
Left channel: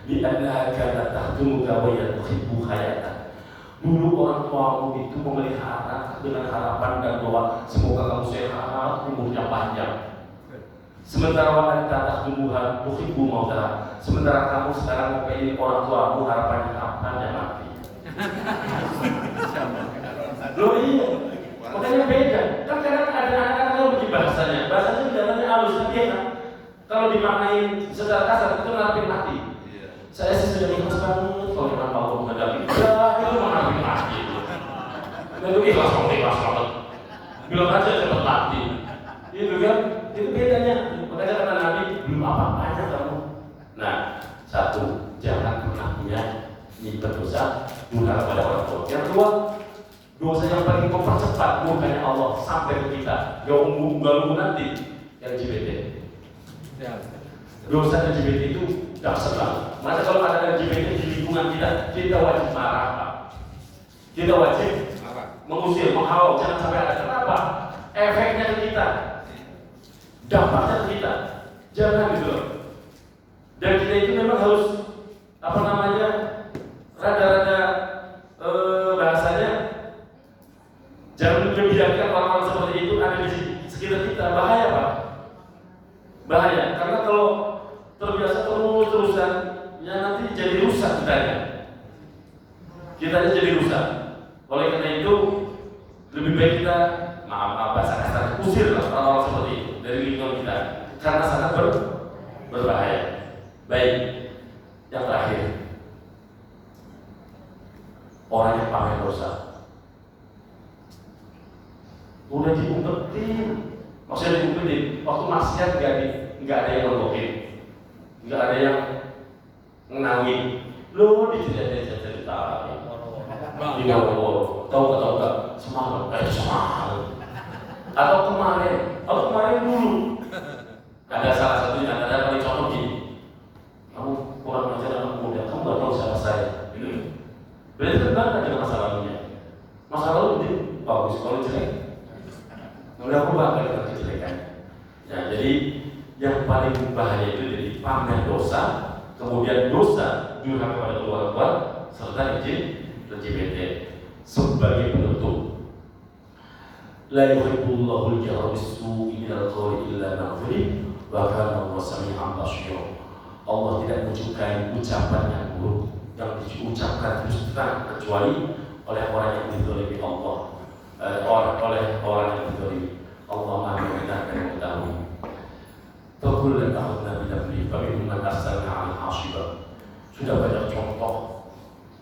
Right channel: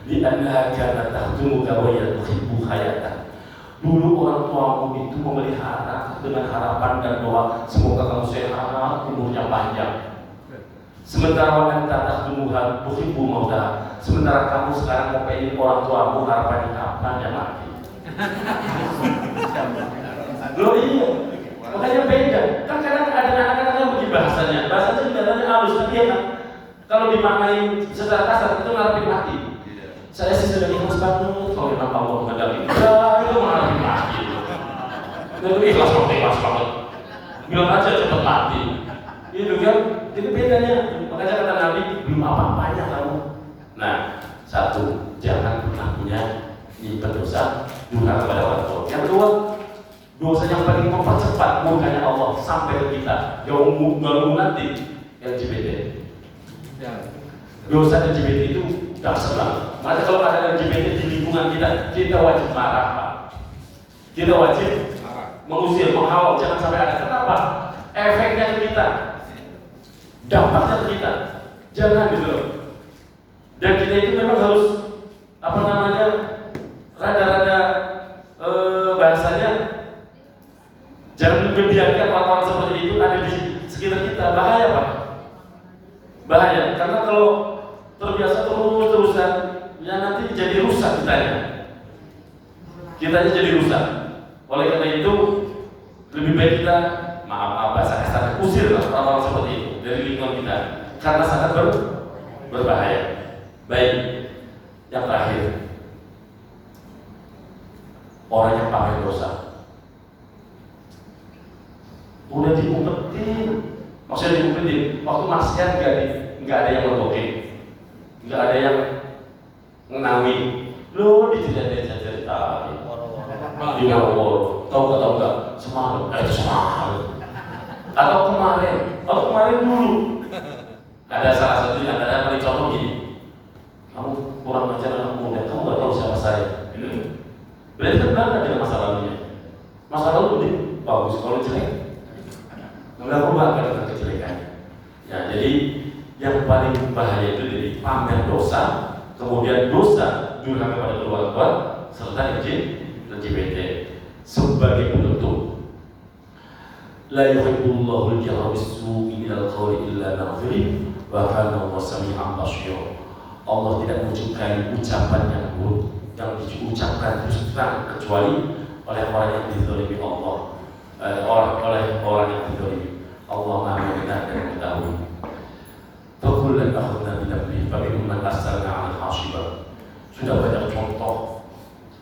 li'annaha kanat tahtumuka wa tuhibbu hayatan. Dulu orang tuamu itu memelihara dengan harapan dan doa semoga kamu sehat, umurnya panjang. Sementara wanita tahtumuha tuhibbu mautaha. Sementara kamu sekarang mau pengen orang tuamu harapannya kapan dia mati. Loh iya, makanya beda. Kan kadang ada anak-anak yang begini bahasanya sebenarnya halus tapi ya. Kalau dimaknai secara kasar itu ngarepin mati. Saya sih sudah ikhlas banget kalau nama Allah mengendali. Ya itu ngarepin mati. Itu ikhlas banget. Bilang aja cepat mati. Itu kan, itu bedanya. Makanya kata Nabi belum apa-apanya kamu. Nah, satu, jangan pernah punya nyimpan dosa durhaka kepada orang tua. Yang kedua, dosa yang paling mempercepat murkanya Allah sampai ke kita. Ganggu nanti LGBT. Dosa LGBT itu dasar banget. Makanya kalau ada LGBT di lingkungan kita wajib marah, Pak. Kita wajib mengusir, menghalau, jangan sampai ada. Kenapa? Efeknya ke kita, dampaknya ke kita. Jangan gitu. Dan kita itu memang harus rada-rada bahasanya jangan membiarkan orang-orang seperti itu ada di sekitar kita. Bahaya, Pak. Bahaya, karena kalau terbiasa terus-terusan ya nanti jadi rusak kitanya jadi rusak. Oleh karena itu lebih baik kita bahasa kasar usir orang-orang seperti itu dari lingkungan kita karena sangat berbahaya. Baik, yang terakhir, orang yang pamer dosa udah diumpetin. Maksudnya diumpetin, waktu maksiat nggak ada yang lebokin, nggak ada yang ngenangin. Lo dijajah-jajah ditawarin, diworo, tahu nggak? Semangat. Atau kemarin dulu ada salah satu yang ada paling contoh gini, kamu kurang ajar anak muda, kamu nggak tahu siapa saya. Berarti terbangkan dengan masa lalunya. Masa lalu ini bagus, kalau jelek nggak berubah dengan kejelekan. Ya, jadi yang paling bahaya itu jadi pamer dosa, kemudian dosa durhaka kepada keluarga serta LGBT sebagai penutup. La yuhibbullahu al-jahra bis-su'i minal qawli illa man zulim wa kana Allahu sami'an basira. Allah tidak menyukai ucapan yang buruk yang diucapkan terus terang kecuali oleh orang yang dizalimi Allah, oleh orang yang dizalimi. Allah Maha mendengar dan mengetahui. Fakullan akhadna binabli faminhum man arsalna 'alaihi hasiba. Sudah banyak contoh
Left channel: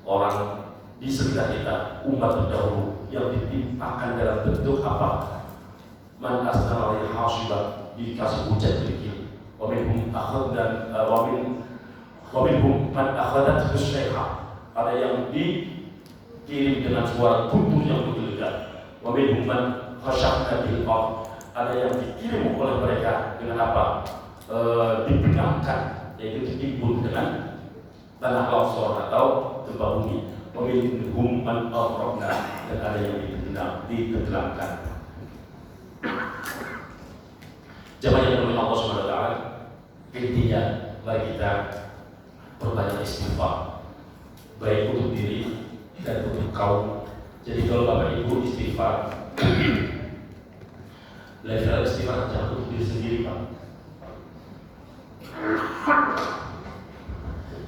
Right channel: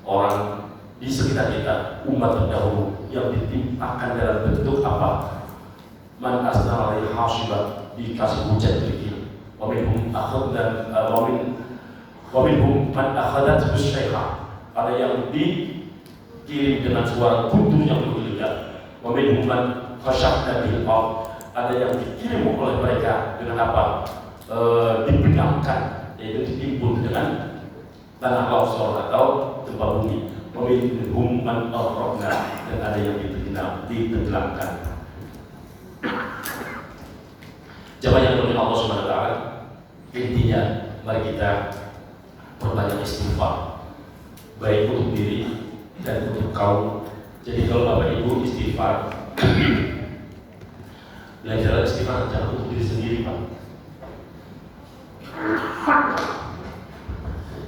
orang di sekitar kita, umat terdahulu yang ditimpakan dalam bentuk apa? Man arsalna 'alaihi hasiba, dikasih hujan sedikit. Wa minhum akhadna wa minhum man akhadat bisyaiha. Ada yang dikirim dengan suara guntur yang menggelegar. Wa minhum man khashaqna bil ard. Ada yang dikirim oleh mereka dengan apa? Dibenamkan, yaitu ditimbun dengan tanah longsor atau gempa bumi. Wa minhum man aghraqna, dan ada yang ditenggelamkan. Jemaah yang dimuliakan Allah Subhanahu wa taala, intinya mari kita perbanyak istighfar, baik untuk diri dan untuk kaum. Jadi kalau Bapak Ibu istighfar, belajar istighfar jangan untuk diri sendiri, Pak.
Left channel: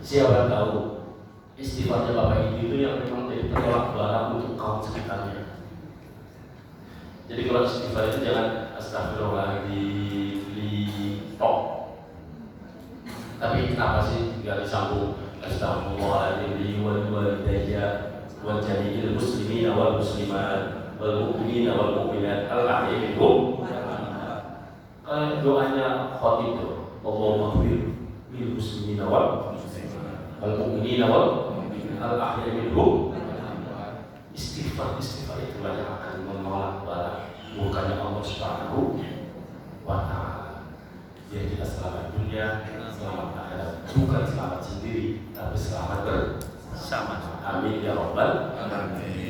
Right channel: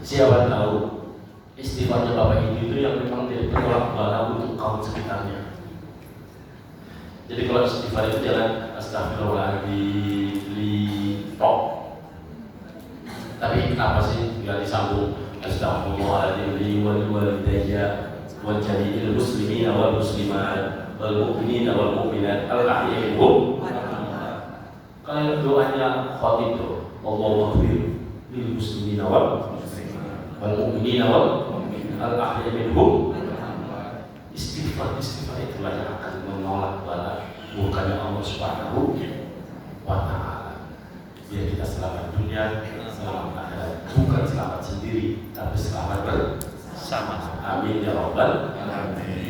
Siapa tahu istighfarnya Bapak Ibu itu yang memang jadi penolak bara untuk kaum sekitarnya. Jadi kalau istighfar itu jangan astagfirullahaladzim, tapi apa sih nggak disambung astagfirullahaladzim wa walidayya wa jami'il muslimina wal muslimat wal mu'minina wal mu'minat al-ahya'i minhum. Kalau doanya khatib itu Allahumma ighfir lil muslimina wal mu'minina wal al-ahya'i minhum. Istighfar itulah yang akan menolak bara murkanya Allah Subhanahu wa taala. Biar kita selamat dunia, selamat akhirat, bukan selamat sendiri, tapi selamat bersama. Amin ya rabbal alamin.